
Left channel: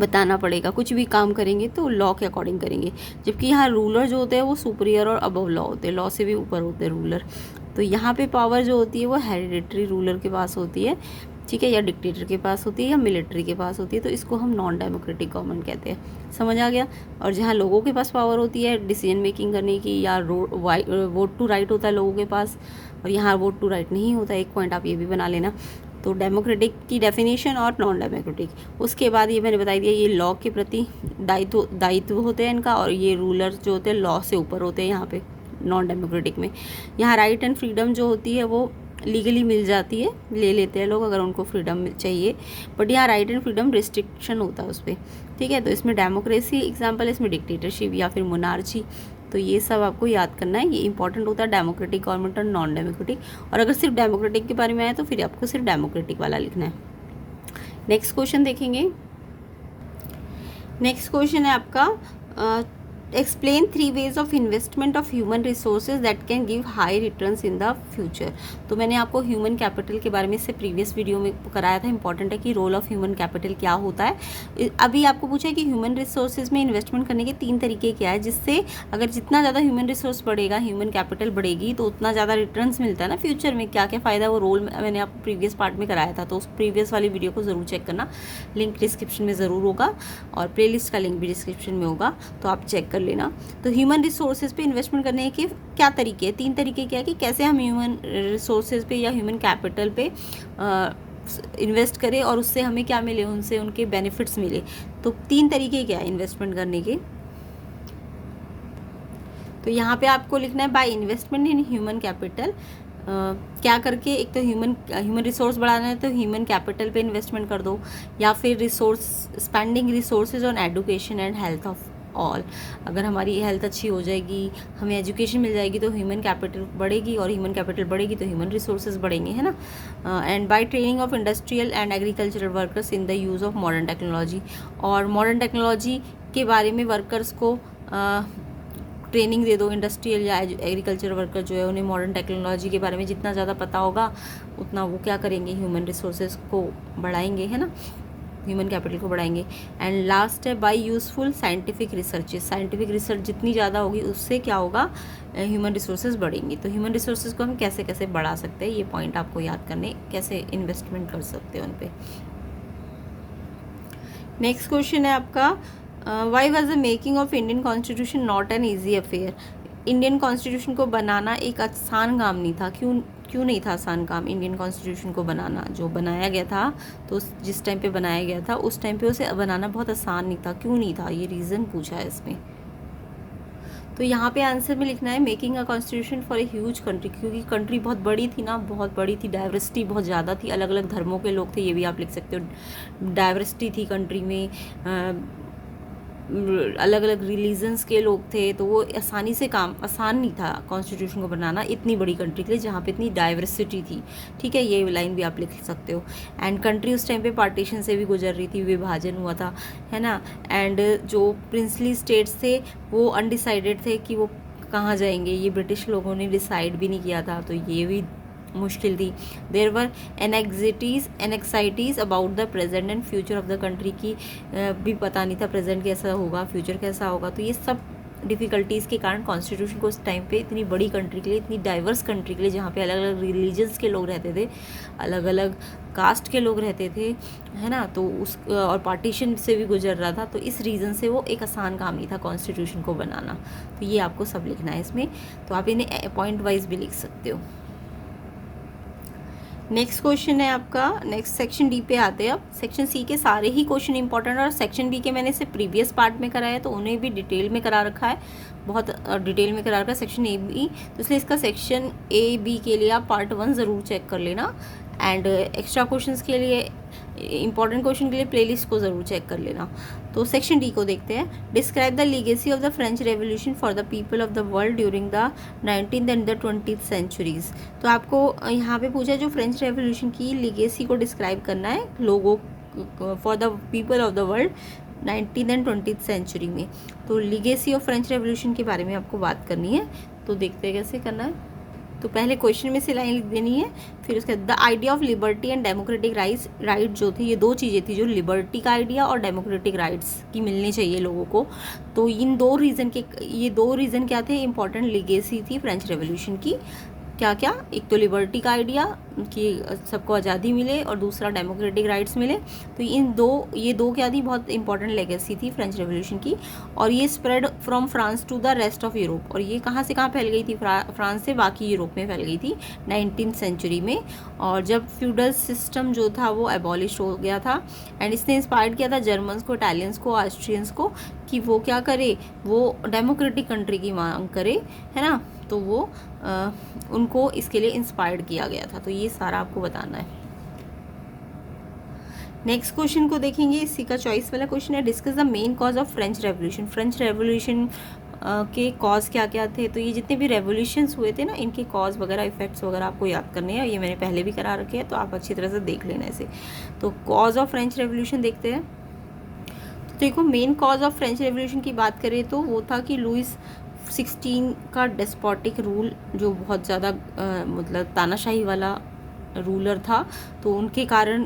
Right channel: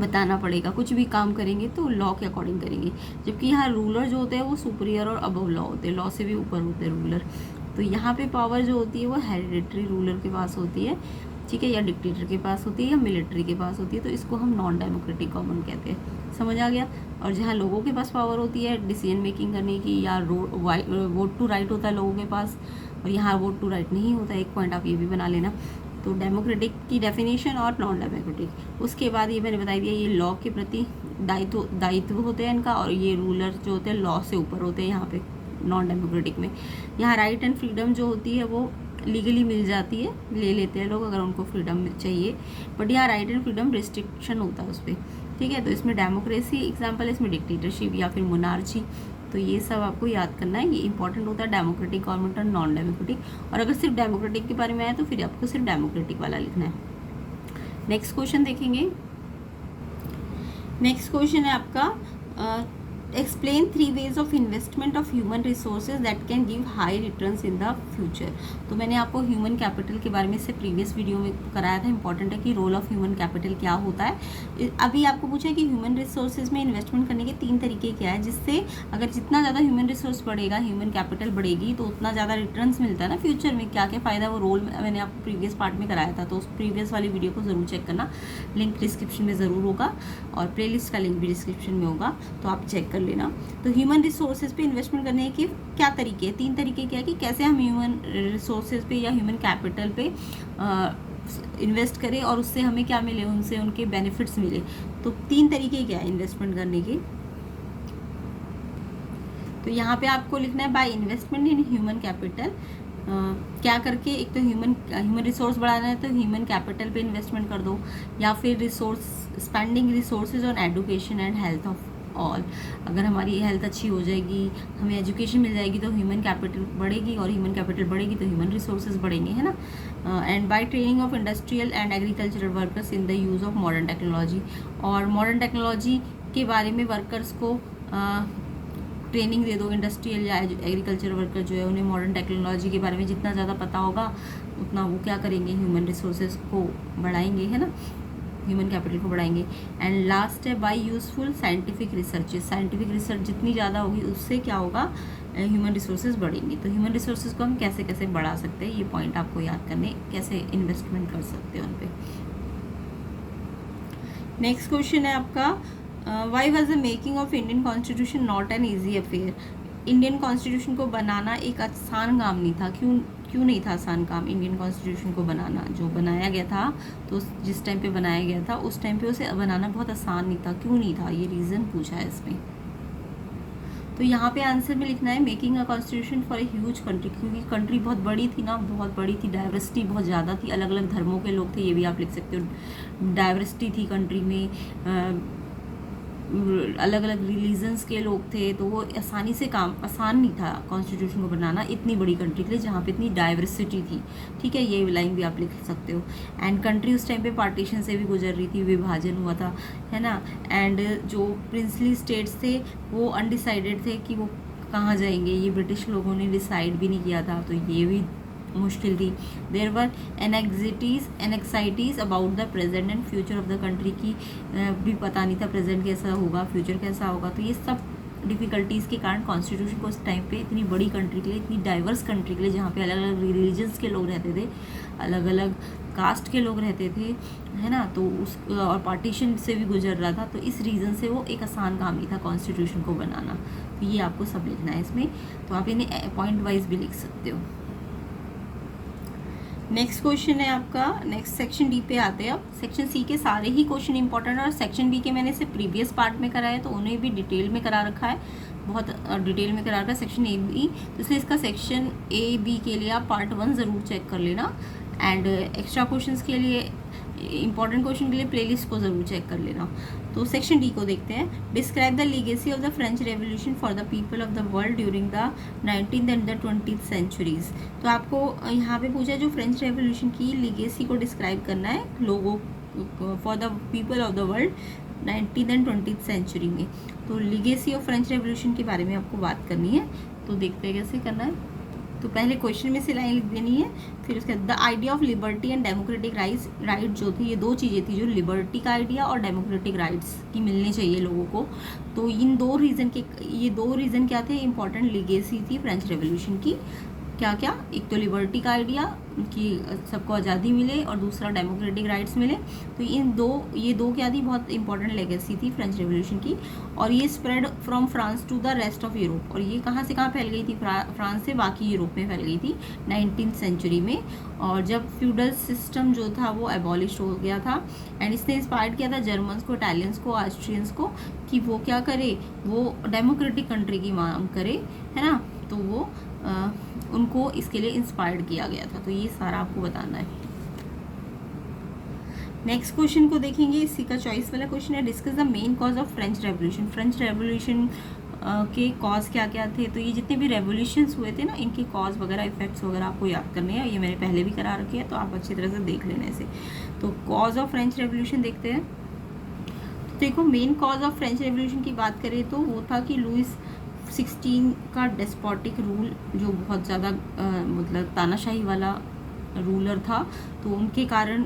बताना पड़ेगा। कुछ भी काम करेंगे तो लॉ के अकॉर्डिंग करेंगे। जबकि यहाँ रूलर जो होते हैं वो सुपीरियर और अबव लॉ होते हैं, लॉ से भी ऊपर होते हैं रूलर। तो यहाँ पे पावर जो होती है वो हेरिडिटरी रूलर के पास होती है, ठीक है, या डिक्टेटर के पास होती है, या मिलिट्री के पास होती है। तो इसको हम नॉन डेमोक्रेटिक गवर्नमेंट कहते हैं। समझ आ गया। और जहाँ लोगों के पास पावर होती है डिसीजन मेकिंग करने की, या वोट टू राइट होता है लोगों के पास, और यहाँ वोट टू राइट नहीं होता। एक पॉइंट आप ये भी बना लेना। तो डेमोक्रेटिक की डेफिनेशन और नॉन डेमोक्रेटिक, उसके बाद ये मैंने बता दिया, ये लॉ के प्रति दायित्व होते हैं इनका, और ये रूलर जो होते हैं लॉ से ऊपर होते हैं यहाँ पे नॉन डेमोक्रेटिक में। यहाँ राइट एंड फ्रीडम जो होती है वो लीगली मिल जाती है, ले लेते हैं लोग अगर उनको फ्रीडम चाहिए, बट यहाँ राइट एंड फ्रीडम रिस्ट्रिक्शन होता है उस पर। ठीक है, तो इसमें डेमोक्रेसी एग्जाम्पल है, इसमें डिक्टेटरशिप या फिर मोनार्ची। तो ये सब आपको याद करना है, ये इंपॉर्टेंट होता है डेमोक्रेटिक गवर्नमेंट और नॉन डेमोक्रेटिक। और अगर सिर्फ डेमोक्रेटिक के बारे में आए तो फिर आपको सिर्फ डेमोक्रेटिक वाला लिखना है। नेक्स्ट क्वेश्चन देखेंगे। नेक्स्ट क्वेश्चन है आपका, explain 3 ways of investment of human resources that can give high returns in the future. तो मैंने आपको ह्यूमन कैपिटल के बारे में इससे प्रीवियस वीडियो में कराया था। इंपॉर्टेंट है कि रोल ऑफ ह्यूमन कैपिटल क्या होता है। अभी आपको पूछा है कि ह्यूमन रिसोर्सेज में इन्वेस्टमेंट करने के 3 तरीके क्या है, जिससे अगर जितना ज़्यादा ह्यूमन रिसोर्स बढ़ेगा, ह्यूमन कैपिटल बढ़ेगी, तो उतना ज़्यादा रिटर्न्स मिलता है ना फ्यूचर में। क्या क्या फ़ायदा, वो रोल मैंने आपको प्रीवियस पार्ट में कराया था, तो उस प्रीवियस वाली वीडियो को ज़रूर चेक करना। लिंक डिस्क्रिप्शन में ज़रूर होगा, और प्लेलिस्ट का लिंक भी डिस्क्रिप्शन में होगा, तो आप चेक कर लेना। तो ह्यूमन रिसोर्सेज पे इन्वेस्टमेंट करने के क्या तरीके हैं, 3 तरीके क्या है, कि कैसे हम ह्यूमन रिसोर्सेज पे या ह्यूमन कैपिटल पे इन्वेस्ट करें और उससे हमें क्या मिले, उनसे उनके बेनिफिट्स मिले। तो 3 तरीके क्या है इन्वेस्टमेंट करने के। तो यहाँ पे आपको लिखना है by investment in human capital. क्या करके, एक तो ह्यूमन रिसोर्स बढ़ाना है तो ह्यूमन कैपिटल पे इन्वेस्टमेंट कर दो, या फिर spending resources on education and health of all. अगर हमारी हेल्थ अच्छी हो जाएगी, हमें एजुकेशन मिल जाएगी, तो ह्यूमन कैपिटल बढ़ेगी, और ह्यूमन कैपिटल बढ़ेगी तो ह्यूमन रिसोर्सेज बढ़ेंगे, है ना। And by training of industrial and agricultural workers in the use of modern technology. और मॉडर्न टेक्नोलॉजी के बारे में वर्कर्स को ट्रेनिंग दे दो। इंडस्ट्रियल या एग्रीकल्चर वर्कर जो है, उन्हें मॉडर्न टेक्नोलॉजी के बारे में जितना ज़्यादा पता होगा उतना वो क्या करेंगे, ह्यूमन रिसोर्सेज को बढ़ाएंगे, है ना, ह्यूमन कैपिटल को बढ़ाएंगे। एंड लास्ट है bye useful scientific researches. Scientific research जितनी ज़्यादा होगी उससे क्या होगा, ह्यूमन रिसोर्सेज बढ़ेंगे। तो ह्यूमन रिसोर्सेज को हम कैसे कैसे बढ़ा सकते हैं, ये पॉइंट आपको याद करने, कैसे इन्वेस्टमेंट कर सकते हैं उन पर। नेक्स्ट क्वेश्चन है आपका, why was the making of Indian constitution not an easy affair. Indian constitution को बनाना एक आसान काम नहीं था। क्यों नहीं था आसान काम इंडियन कॉन्स्टिट्यूशन को बनाना। जो बनाया गया था, तो जिस टाइम पे बनाया गया था उस टाइम पे उसे बनाना बहुत आसान नहीं था। क्यों नहीं था, ये रीज़न पूछा है इसमें। तो यहाँ पे आंसर में लिखना है making a constitution for a huge country, क्योंकि कंट्री बहुत बड़ी थी ना, बहुत बड़ी थी, डाइवर्सिटी बहुत ज़्यादा थी, अलग अलग धर्मों के लोग थे, ये भी आप लिख सकते हो। डाइवर्सिटी थी कंट्री में, अलग अलग रिलीजन्स के लोग थे, तो वो आसान नहीं था कॉन्स्टिट्यूशन को बनाना इतनी बड़ी कंट्री के लिए जहाँ पे इतनी डाइवर्सिटी थी। ठीक है, ये लाइन भी आप लिख सकते हो। एंड कंट्री उस टाइम पे पार्टीशन से भी गुजर रही थी, विभाजन हुआ था, है ना। एंड जो प्रिंसली स्टेट्स थे वो अनडिसाइडेड थे कि वो कहाँ जाएंगे, ये ब्रिटिश लोगों ने डिसाइड भी नहीं किया था, तो ये भी मुश्किल थी। There were anxieties about the present and future of the country की भी पता नहीं था प्रेजेंट कैसा होगा, फ्यूचर कैसा होगा। तो ये सब डिफ़िकल्टीज़ के कारण कॉन्स्टिट्यूशन को उस टाइम पे इतनी बड़ी कंट्री के लिए, इतनी डाइवर्स कंट्री के लिए, जहाँ पे अलग अलग रिलीजन्स के लोग रहते थे, अलग अलग कास्ट के लोग रहते थे, है ना, तो उस और पार्टीशन से भी गुजर रहा था, तो इस रीज़न से वो एक आसान काम नहीं था कॉन्स्टिट्यूशन को बनाना। तो ये आपको सब लिखना है इसमें, तो आप इन्हें पॉइंट वाइज भी लिख सकते हो। नेक्स्ट क्वेश्चन है आपका, नेक्स्ट सेक्शन डी पे आते हैं। अब सेक्शन सी के सारे ही क्वेश्चन इंपॉर्टेंट है, और सेक्शन बी के मैंने इसे प्रीवियस पार्ट में कराया तो उन्हें भी डिटेल में करा रखा है, बहुत डिटेल में करा रखा है सेक्शन ए बी, तो इसलिए इसका सेक्शन ए बी के लिए आप पार्ट 1 ज़रूर चेक कर लेना। एंड एक्स्ट्रा क्वेश्चंस के लिए, इंपॉर्टेंट क्वेश्चन के लिए प्लेलिस्ट को ज़रूर चेक कर लेना। तो सेक्शन डी को देखते हैं। Describe the legacy of the French revolution for the people of the world during the 19th and the 20th centuries. तो आपको यहाँ पे पूछा है जो फ्रेंच रेवोल्यूशन की लीगेसी को डिस्क्राइब करना है लोगों for the people of the world 19th and 20th century में। तो लीगेसी ऑफ फ्रेंच रेवोल्यूशन के बारे में आपको बात करनी है, तो देखते हैं कैसे करना है। तो पहले क्वेश्चन में से लाइन लिख देनी है, फिर उसके बाद the idea of liberty and democratic right जो थी, ये दो चीज़ें थी, जो लिबर्टी का आइडिया और डेमोक्रेटिक राइट्स की मिलनी चाहिए लोगों को। तो इन दो रीज़न क्या थे, इंपॉर्टेंट लीगेसी थी फ्रेंच रेवोल्यूशन की। क्या क्या, एक तो लिबर्टी का आइडिया कि सबको आज़ादी मिले, और दूसरा डेमोक्रेटिक राइट्स मिले। तो ये दो क्या थी, बहुत इंपॉर्टेंट लेगेसी थी फ्रेंच रेवोल्यूशन की। और ये spread from France to the rest of Europe, और ये कहाँ से कहाँ फैल गई थी, फ्रांस से बाकी यूरोप में फैल गई थी 19th सेंचुरी में। और जब फ्यूडल सिस्टम जो था वो एबॉलिश हो गया था, एंड इसने इंस्पायर्ड किया था जर्मन्स को, इटालियंस को, ऑस्ट्रियंस को कि वो क्या करे, वो डेमोक्रेटिक कंट्री की मांग करे, है ना। तो वो उनको इसके लिए इंस्पायर्ड किया गया था। तो ये सारा आपको बताना है। नेक्स्ट क्वेश्चन को देखेंगे, इसी का चॉइस वाला क्वेश्चन है, discuss the main cause of French revolution. French revolution के कॉज क्या क्या थे। तो ये जितने भी रेवोल्यूशंस हुए थे ना, इनके कॉज वगैरह, इफेक्ट्स वगैरह आपको याद करने हैं, ये मैंने पहले भी करा रखे हैं, तो आप अच्छी तरह से देख लेना इसे। तो कॉज ऑफ फ्रेंच रेवोल्यूशन देखते हैं। तो देखो, main cause of French revolution की बात करें तो वो था कि लुइस 16 का डेस्पोटिक रूल, जो बहुत ज़्यादा मतलब तानाशाही वाला रूलर था, तो उनके कारण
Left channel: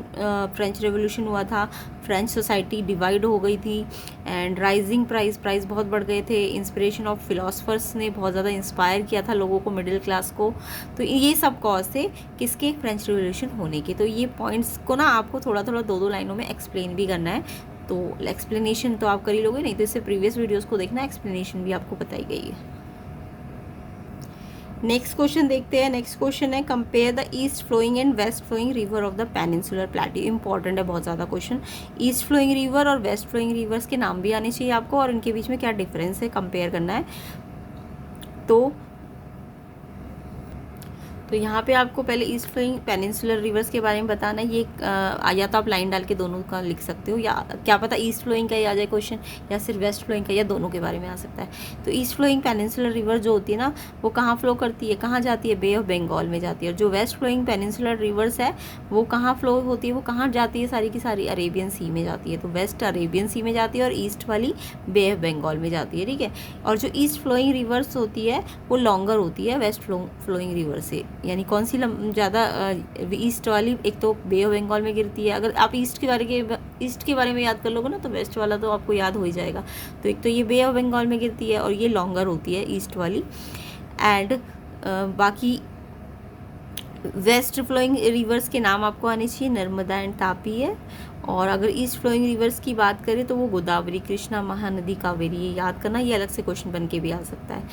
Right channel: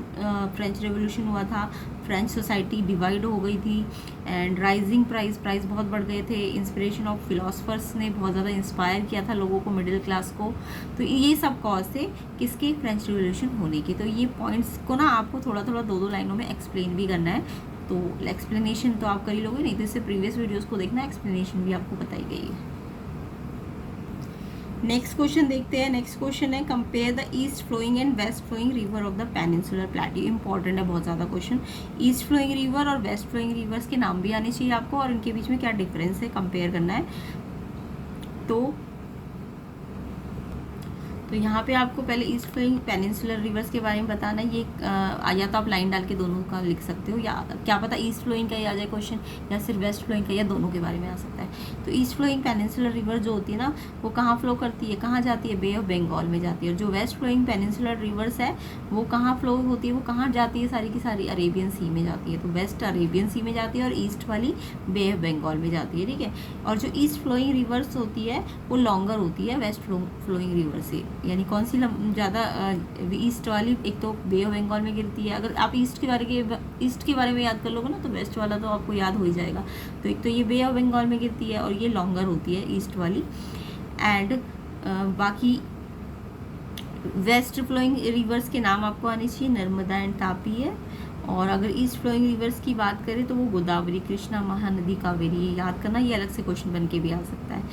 फ्रेंच रेवोल्यूशन हुआ था। फ्रेंच सोसाइटी डिवाइड हो गई थी, एंड राइजिंग प्राइस बहुत बढ़ गए थे। इंस्पिरेशन ऑफ फिलोसफर्स ने बहुत ज़्यादा इंस्पायर किया था लोगों को, मिडिल क्लास को। तो ये सब कॉज थे किसके, फ्रेंच रेवोल्यूशन होने के। तो ये पॉइंट्स को ना आपको थोड़ा थोड़ा दो लाइनों में एक्सप्लेन भी करना है। तो एक्सप्लेनेशन तो आप कर ही लोगे, नहीं तो इससे प्रीवियस वीडियोस को देखना, एक्सप्लेनेशन भी आपको बताई गई है। नेक्स्ट क्वेश्चन देखते हैं। नेक्स्ट क्वेश्चन है, compare the east flowing and west flowing river of the peninsular plateau. Important है बहुत ज़्यादा क्वेश्चन। ईस्ट फ्लोइंग रिवर और वेस्ट फ्लोइंग रिवर्स के नाम भी आने चाहिए आपको, और इनके बीच में क्या डिफरेंस है कंपेयर करना है। तो यहाँ पे आपको पहले ईस्ट फ्लोइंग पेनिनसुलर रिवर्स के बारे में बताना है। ये या तो आप लाइन डाल के दोनों का लिख सकते हो, या क्या पता ईस्ट फ्लोइंग का ही आ जाए क्वेश्चन, या सिर्फ वेस्ट फ्लोइंग का, या दोनों के बारे में आ सकता है। तो ईस्ट फ्लोइंग पेनिनसुलर रिवर जो होती है ना, वो कहाँ फ्लो करती है, कहाँ जाती है, बे ऑफ बंगाल में जाती है। और जो वेस्ट फ्लोइंग पेनिनसुलर रिवर्स है वो कहाँ फ्लो होती है, वो कहाँ जाती है, सारी की सारी अरेबियन सी में जाती है। तो वेस्ट अरेबियन सी में जाती है, और ईस्ट वाली बे ऑफ बंगाल में जाती है, ठीक है। और जो ईस्ट फ्लोइंग रिवर्स होती है वो लॉन्गर होती है वेस्ट फ्लोइंग रिवर से। यानी कौन सी ज़्यादा, ईस्ट वाली एक तो बे ऑफ बंगाल में गिरती है। अगर आप ईस्ट के बारे में याद कर लोगे ना, तो वेस्ट वाला तो आपको याद हो ही जाएगा। तो एक तो ये बे ऑफ बंगाल में गिरती है, और ये लॉन्गर होती है ईस्ट वाली। एंड बाकी वेस्ट फ्लोइंग रिवर्स के नाम आपको आने चाहिए, नर्मदा एंड तापी है। और अगर ईस्ट फ्लोइंग रिवर्स की बात करें तो वो गोदावरी, कृष्णा, महानदी, कावेरी, याद करना, ये अलग से क्वेश्चन बन के भी आ सकता है।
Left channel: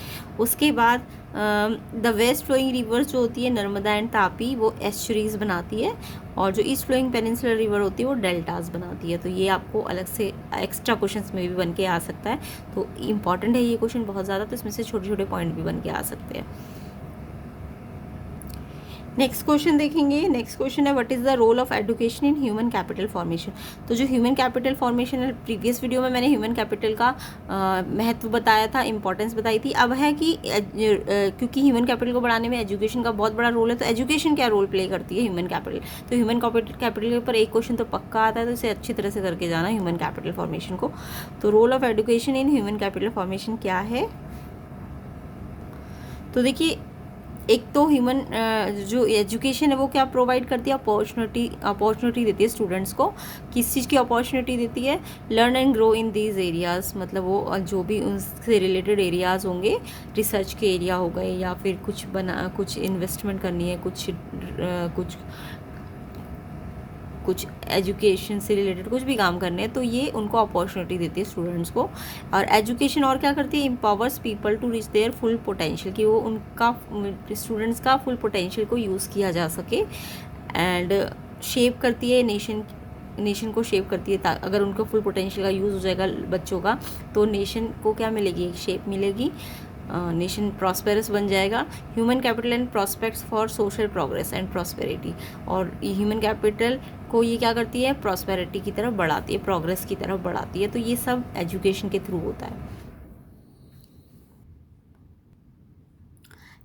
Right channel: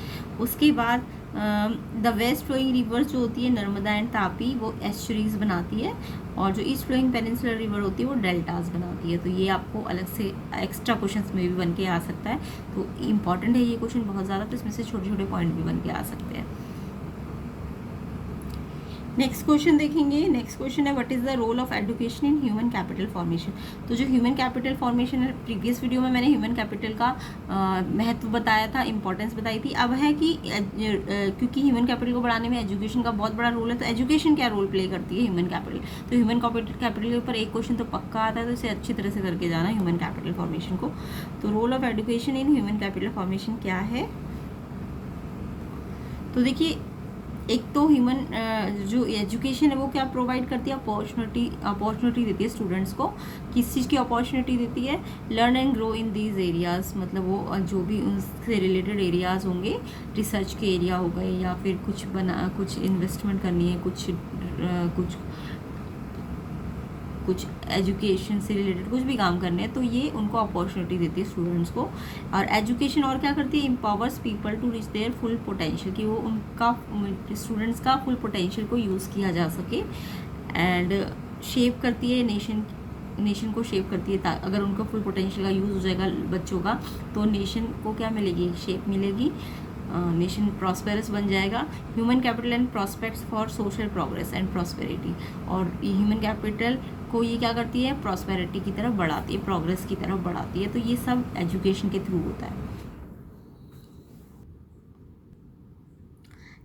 उसके बाद द वेस्ट फ्लोइंग रिवर्स जो होती है नर्मदा एंड तापी, वो एस्चुरीज बनाती है, और जो ईस्ट फ्लोइंग पेनिनसुलर रिवर होती है वो डेल्टास बनाती है। तो ये आपको अलग से एक्स्ट्रा क्वेश्चंस में भी बन के आ सकता है, तो इंपॉर्टेंट है ये क्वेश्चन बहुत ज़्यादा, तो इसमें से छोटे छोटे पॉइंट भी बन के आ सकते हैं। नेक्स्ट क्वेश्चन देखेंगे। नेक्स्ट क्वेश्चन है what is the role of education in human capital formation. तो जो ह्यूमन कैपिटल फॉर्मेशन है, प्रीवियस वीडियो में मैंने ह्यूमन कैपिटल का महत्व बताया था, इंपॉर्टेंस बताई थी। अब है कि क्योंकि ह्यूमन कैपिटल को बढ़ाने में एजुकेशन का बहुत बड़ा रोल है, तो एजुकेशन क्या रोल प्ले करती है ह्यूमन कैपिटल। तो ह्यूमन कैपिटल के ऊपर एक क्वेश्चन तो पक्का आता है, तो इसे अच्छी तरह से करके जाना ह्यूमन कैपिटल फॉर्मेशन को। तो role of education in human capital formation क्या है, तो देखिए, एक तो ह्यूमन जो एजुकेशन है वो क्या प्रोवाइड करती है, अपॉर्चुनिटी देती है स्टूडेंट्स को। किस चीज़ की अपॉर्चुनिटी देती है, learn and grow in these areas, मतलब वो जो भी उनसे रिलेटेड एरियाज़ होंगे, रिसर्च के एरिया हो गए, या फिर कुछ इन्वेस्टमेंट करनी है, कुछ एजुकेशन से रिलेटेड कुछ भी काम करने हैं, तो ये उनको अपॉर्चुनिटी देती है स्टूडेंट्स को। और एजुकेशन और क्या करती है, empowers people to reach their full potential, कि वो उनका स्टूडेंट्स का फुल पोटेंशियल को यूज़ किया जा सके। एंड शेप करती है नेशन को शेप करती है, अगर उनका फुल पोटेंशियल का यूज़ हो जाएगा बच्चों का, तो नेशन को क्या मिलेगी, शेप मिलेगी, नेशन प्रॉस्पेरस बन जाएगा। Human capital and prospects for social progress and prosperity, और ह्यूमन कैपिटल को ये क्या करती है, प्रॉस्पेरिटी की तरफ बढ़ाती है, प्रोग्रेस की तरफ बढ़ाती है। तो ये सब एजुकेशन के थ्रू होता है।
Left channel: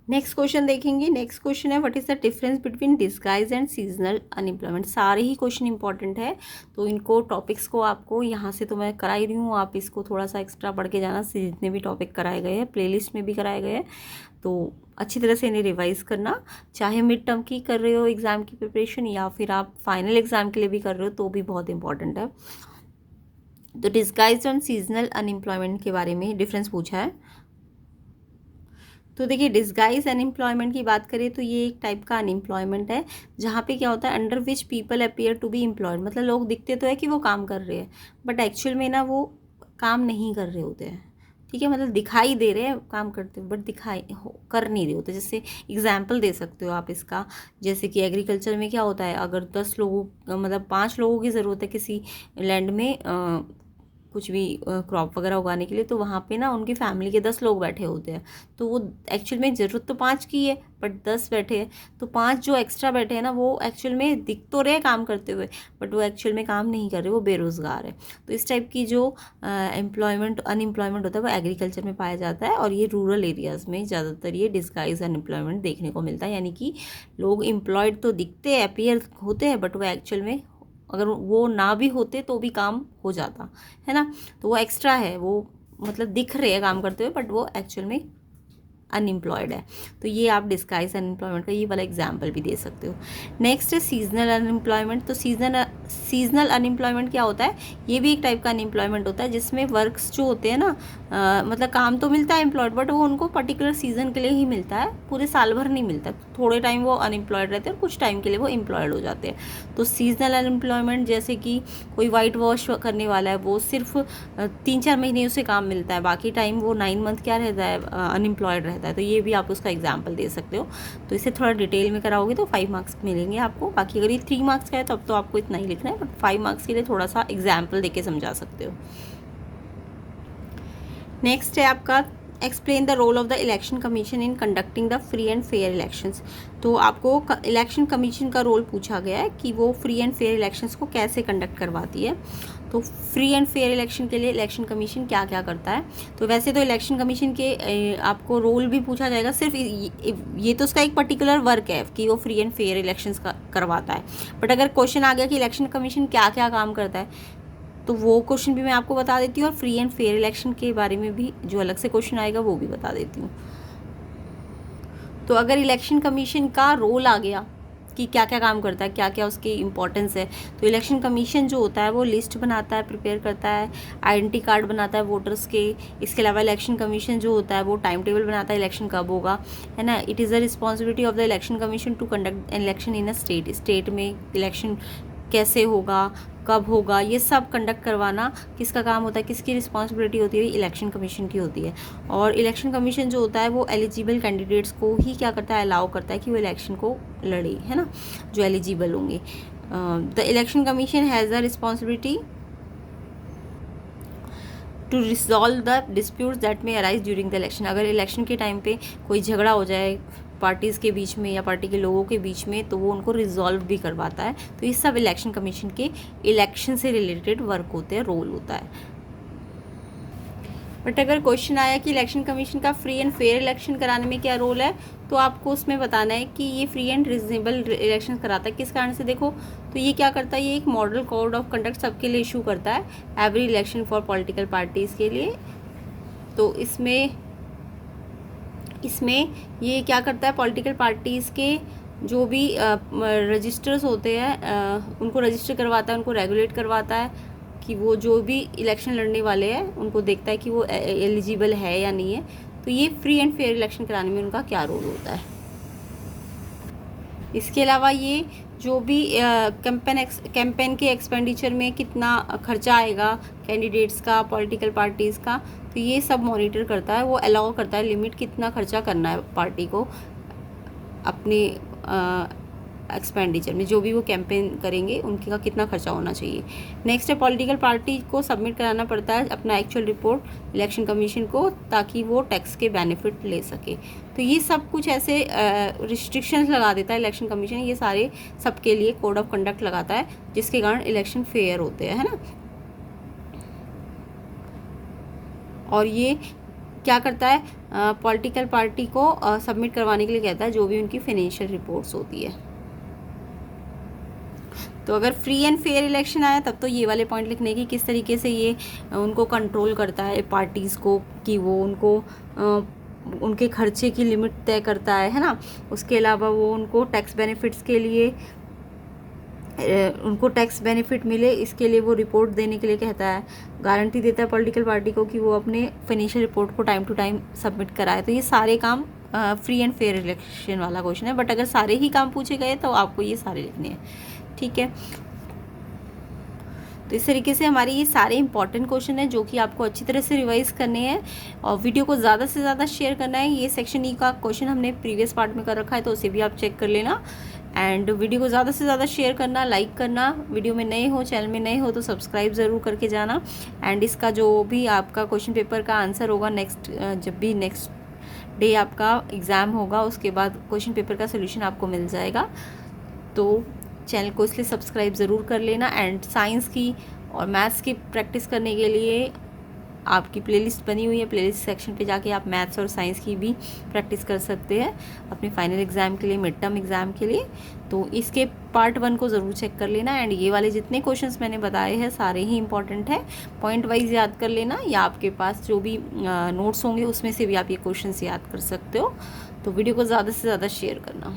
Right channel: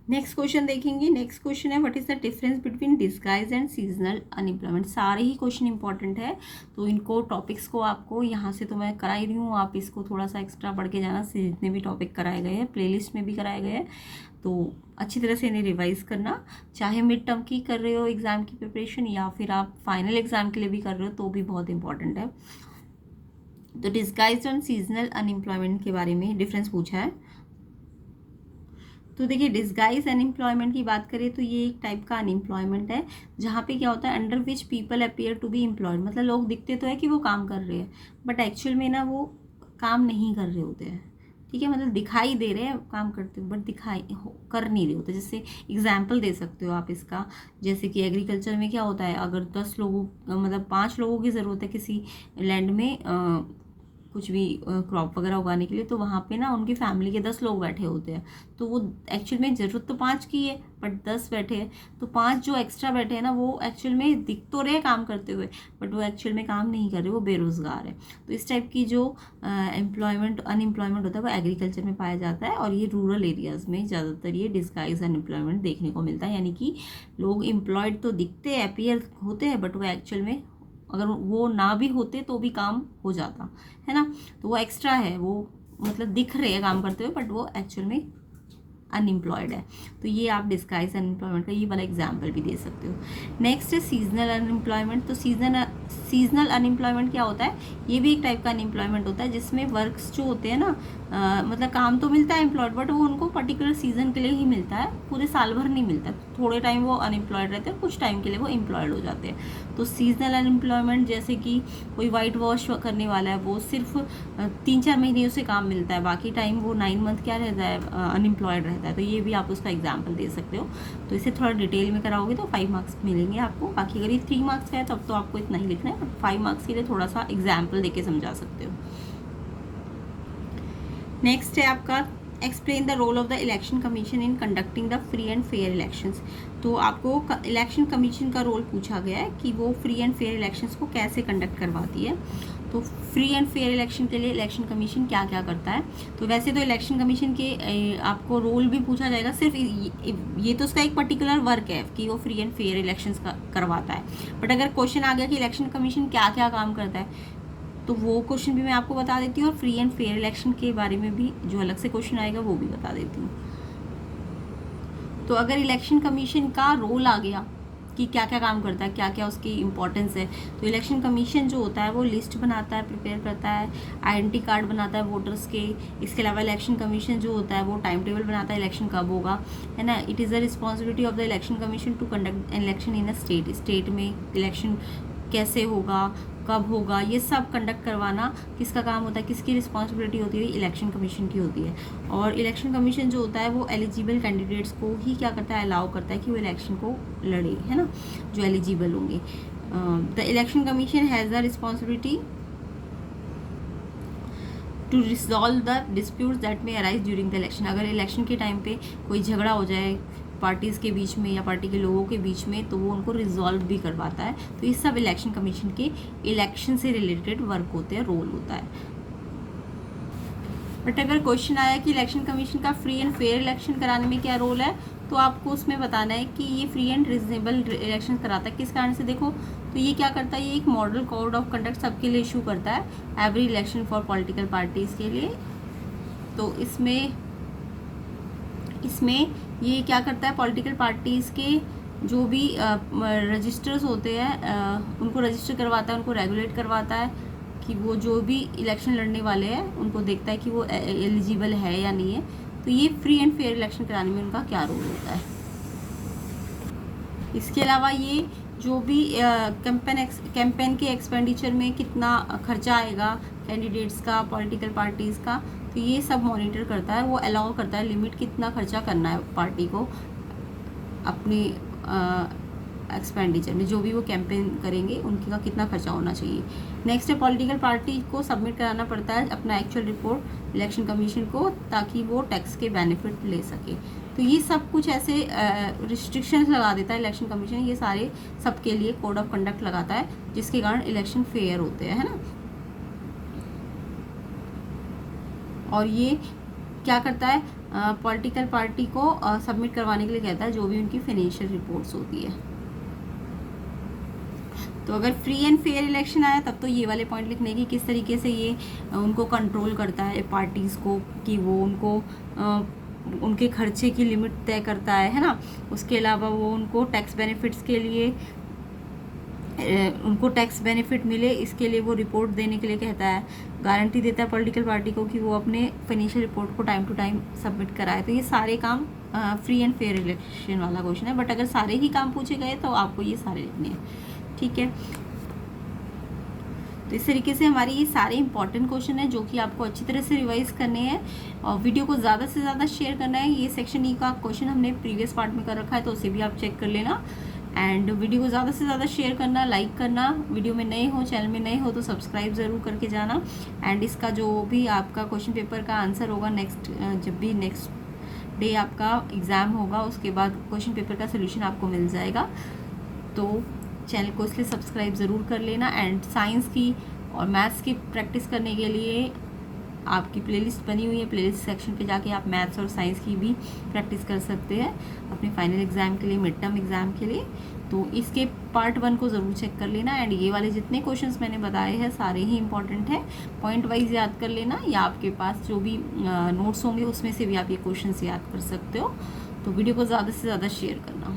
नेक्स्ट क्वेश्चन देखेंगे। नेक्स्ट क्वेश्चन है what is the difference between disguise and seasonal unemployment. सारे ही क्वेश्चन इंपॉर्टेंट है, तो इनको टॉपिक्स को आपको यहाँ से तो मैं कराई रही हूँ, आप इसको थोड़ा सा एक्स्ट्रा पढ़ के जाना, जितने भी टॉपिक कराए गए हैं प्लेलिस्ट में भी कराए गए हैं, तो अच्छी तरह से इन्हें रिवाइज करना। चाहे मिड टर्म की कर रहे हो एग्ज़ाम की प्रिपरेशन, या फिर आप फाइनल एग्ज़ाम के लिए भी कर रहे हो, तो भी बहुत इंपॉर्टेंट है। तो डिस्गाइज और सीजनल अनएम्प्लॉयमेंट के बारे में डिफरेंस पूछा है। तो देखिए, डिस्गाइज अनएम्प्लॉयमेंट की बात करें तो ये एक टाइप का अनएम्प्लॉयमेंट है, जहाँ पे क्या होता है, under which people appear to be employed, मतलब लोग दिखते तो है कि वो काम कर रहे हैं, बट एक्चुअल में ना वो काम नहीं कर रहे होते हैं। ठीक है, मतलब दिखाई दे रहे हैं काम करते हुए, बट कर नहीं रहे होते। जैसे एग्जाम्पल दे सकते हो आप इसका, जैसे कि एग्रीकल्चर में क्या होता है, अगर 10 लोगों मतलब 5 लोगों की ज़रूरत है किसी लैंड में कुछ भी क्रॉप वगैरह उगाने के लिए, तो वहाँ पे ना उनकी फैमिली के 10 लोग बैठे होते हैं, तो वो एक्चुअल में ज़रूरत तो 5 की है, बट 10 बैठे हैं, तो 5 जो एक्स्ट्रा बैठे हैं ना, वो एक्चुअल में दिख तो रहे काम करते हुए, बट वो एक्चुअल में काम नहीं कर रहे, वो बेरोज़गार है। तो इस टाइप की जो अनएम्प्लॉयमेंट होता है वो एग्रीकल्चर में पाया जाता है, और ये रूरल एरियाज़ में ज़्यादातर ये डिस्गाइज अनएम्प्लॉयमेंट देखने को मिलता है, यानी कि लोग एम्प्लॉयड तो दिखते हैं, अपीयर होते हैं, बट वो एक्चुअल में अगर वो ना भी होते तो भी काम हो जाता है ना, तो वो एक्स्ट्रा है, वो मतलब दिख रहे हैं काम करते हुए, बट वो एक्चुअल में अनएम्प्लॉयड है। तो ये आप डिस्गाइज अनएम्प्लॉयमेंट का ये वाला एग्जाम्पल भी दे सकते हो। नेक्स्ट है सीजनल अनएम्प्लॉयमेंट। तो सीजनल अनएम्प्लॉयमेंट क्या होता है, ये भी एक टाइप का अनएम्प्लॉयमेंट होता है, जिसमें वर्क्स जो होते हैं ना, मतलब काम तो मिलता है एम्प्लॉयड, बट वो उनको पर्टिकुलर सीजन के लिए ही मिलता है, पूरे साल भर नहीं मिलता। थोड़े टाइम वो अनएम्प्लॉयड रहते हैं, कुछ टाइम के लिए वो एम्प्लॉयड हो जाते हैं। तो सीजनल अनएम्प्लॉयमेंट, जैसे कि कोई वाइट वॉश करने वाला है, वो सिर्फ 3-4 महीने उसे काम मिलता है, बाकी टाइम वो 9 मंथ क्या रहता है, अनएम्प्लॉयड रहता है। तो ये भी आप उसका एग्जाम्पल दे सकते हो। तो इसे थोड़ा डिटेल में कराओगे तो 5 मार्क्स मिलेंगे आपको। बाकी अगर ये 3 मार्क्स का है तब तो आपको इतना ही लिखना है, बट 5 मार्क्स के लिए थोड़ा सा एग्जाम्पल देके समझा सकते हो। नेक्स्ट है आपका explain the role of the election commission in conducting the free and fair elections. तो आपको इलेक्शन कमीशन का रोल पूछा गया है कि वो फ्री एंड फेयर इलेक्शंस को कैसे कंडक्ट करवाती है। तो फ्री एंड फेयर इलेक्शन के लिए इलेक्शन कमीशन क्या क्या करता है। तो वैसे तो इलेक्शन कमीशन के आपको रोल भी पूछा जाएगा, सिर्फ ये तो उसका एक पर्टिकुलर वर्क है कि वो फ्री एंड फेयर इलेक्शंस करवाता है। बट अगर क्वेश्चन आ गया कि इलेक्शन कमीशन क्या क्या काम करता है, तो वो क्वेश्चन भी मैं आपको बता देती हूँ, और फ्री एंड फेयर इलेक्शन के बारे में भी जो अलग से क्वेश्चन आएगा वो भी बता देती हूँ। तो अगर इलेक्शन कमीशन का रोल आ गया कि क्या क्या काम करता है, क्या क्या उसकी इंपॉर्टेंस है, तो इलेक्शन कमीशन जो होता है वो लिस्ट बनाता है, प्रिपेयर करता है, आइडेंटिटी कार्ड बनाता है वोटर्स के। इसके अलावा इलेक्शन कमीशन जो होता है वो टाइम टेबल बनाता है इलेक्शन कब होगा, है ना। It is the responsibility of the election commission to conduct election in a state. State में इलेक्शन कैसे होगा, कब होगा, ये सब कंडक्ट करवाना किसका काम होता है, किसकी रिस्पॉन्सिबिलिटी होती है, इलेक्शन कमीशन की होती है। और इलेक्शन कमीशन जो होता है वो एलिजिबल कैंडिडेट्स को ही क्या करता है, अलाउ करता है कि वो इलेक्शन को लड़े, है ना, जो एलिजिबल होंगे। The election commission has the responsibility to resolve the disputes that may arise during the election. अगर इलेक्शन के टाइम पे कोई झगड़ा हो जाए पार्टीज़ के बीच में या पार्टी के लोगों के बीच में, तो वो उनको रिजॉल्व भी करवाता है। तो ये सब इलेक्शन कमीशन के इलेक्शन से रिलेटेड वर्क होते हैं, रोल होता है। बट अगर क्वेश्चन आया कि इलेक्शन कमीशन का फ्री एंड फेयर इलेक्शन कराने में क्या रोल है, तो आपको उसमें बताना है कि ये फ्री एंड रीजनेबल इलेक्शन कराता है। किस कारण से, देखो तो ये क्या करता है, ये एक मॉडल कोड ऑफ कंडक्ट सबके लिए इशू करता है, every election for political parties के लिए। तो इसमें ये क्या करता है, पॉलिटिकल पार्टीज़ के जो भी रजिस्टर्स होते हैं उनको रजिस्टर करवाता है, उनको रेगुलेट करवाता है कि वो जो भी इलेक्शन लड़ने वाले हैं उनको देखता है कि वो एलिजिबल है या नहीं है। तो ये फ्री एंड फेयर इलेक्शन कराने में उनका क्या रोल होता है। इसके अलावा ये जो भी कैंपेन के एक्सपेंडिचर में कितना खर्चा आएगा कैंडिडेट्स का, पॉलिटिकल पार्टीज़ का, तो ये सब मॉनिटर करता है, वो अलाउ करता है लिमिट कितना खर्चा करना है पार्टी को अपने एक्सपेंडिचर में, जो भी वो कैंपेन करेंगे उनके का कितना खर्चा होना चाहिए। नेक्स्ट है पॉलिटिकल पार्टी को सबमिट कराना पड़ता है अपना एक्चुअल रिपोर्ट इलेक्शन कमीशन को, ताकि वो टैक्स के बेनिफिट ले सके। तो ये सब कुछ ऐसे रिस्ट्रिक्शंस लगा देता है इलेक्शन कमीशन, ये सारे सबके लिए कोड ऑफ कंडक्ट लगाता है, जिसके कारण इलेक्शन फेयर होते हैं, है ना। और ये क्या करता है, पॉलिटिकल पार्टी को सबमिट करवाने के लिए कहता है जो भी उनकी फाइनेंशियल रिपोर्ट्स होती है। तो अगर फ्री एंड फेयर इलेक्शन आया तब तो ये वाले पॉइंट लिखने की किस तरीके से ये उनको कंट्रोल करता है पार्टीज़ को, कि वो उनको उनके खर्चे की लिमिट तय करता है ना। उसके अलावा वो उनको टैक्स बेनिफिट्स के लिए उनको टैक्स बेनिफिट मिले, इसके लिए वो रिपोर्ट देने के लिए कहता है, गारंटी देता है पॉलिटिकल पार्टी को कि वो अपने फाइनेंशियल रिपोर्ट को टाइम टू टाइम सबमिट कराए। तो ये सारे काम फ्री एंड फेयर इलेक्शन वाला क्वेश्चन है। बट अगर सारे ही काम पूछे गए तो आपको ये सारे लिखने हैं, ठीक है। तो इस तरीके से हमारे ये सारे इंपॉर्टेंट क्वेश्चन हैं जो कि आपको अच्छी तरह से रिवाइज करने हैं और वीडियो को ज़्यादा से ज़्यादा शेयर करना है। ये सेक्शन ई का क्वेश्चन हमने प्रीवियस पार्ट में कर रखा है, तो उसे भी आप चेक कर लेना। एंड वीडियो को ज़्यादा से ज़्यादा शेयर करना, लाइक करना, वीडियो में नए हो, चैनल में नए हो तो सब्सक्राइब ज़रूर करके जाना। एंड इसका जो भी आपका क्वेश्चन पेपर का आंसर होगा जब भी नेक्स्ट डे आपका एग्ज़ाम होगा, उसके बाद क्वेश्चन पेपर का सोल्यूशन आपको मिल जाएगा। तो चैनल को इसलिए सब्सक्राइब ज़रूर कर लेना। एंड साइंस की और मैथ्स की प्रैक्टिस करने के लिए आपकी प्लेलिस्ट बनी हुई है, प्लेलिस्ट सेक्शन पे जाके आप मैथ्स और साइंस की भी प्रैक्टिस कर सकते हैं अपने फाइनल एग्ज़ाम के लिए, मिड टर्म एग्ज़ाम के लिए। तो इसके पार्ट 1 को ज़रूर चेक कर लेना। एंड ये वाले जितने क्वेश्चंस मैंने बताए हैं सारे ही इंपॉर्टेंट है, पॉइंट वाइज याद कर लेना, या आपके पास जो भी नोट्स होंगे उसमें से भी आप ये क्वेश्चन याद कर सकते हो। तो वीडियो को ज़्यादा से ज़्यादा शेयर करना।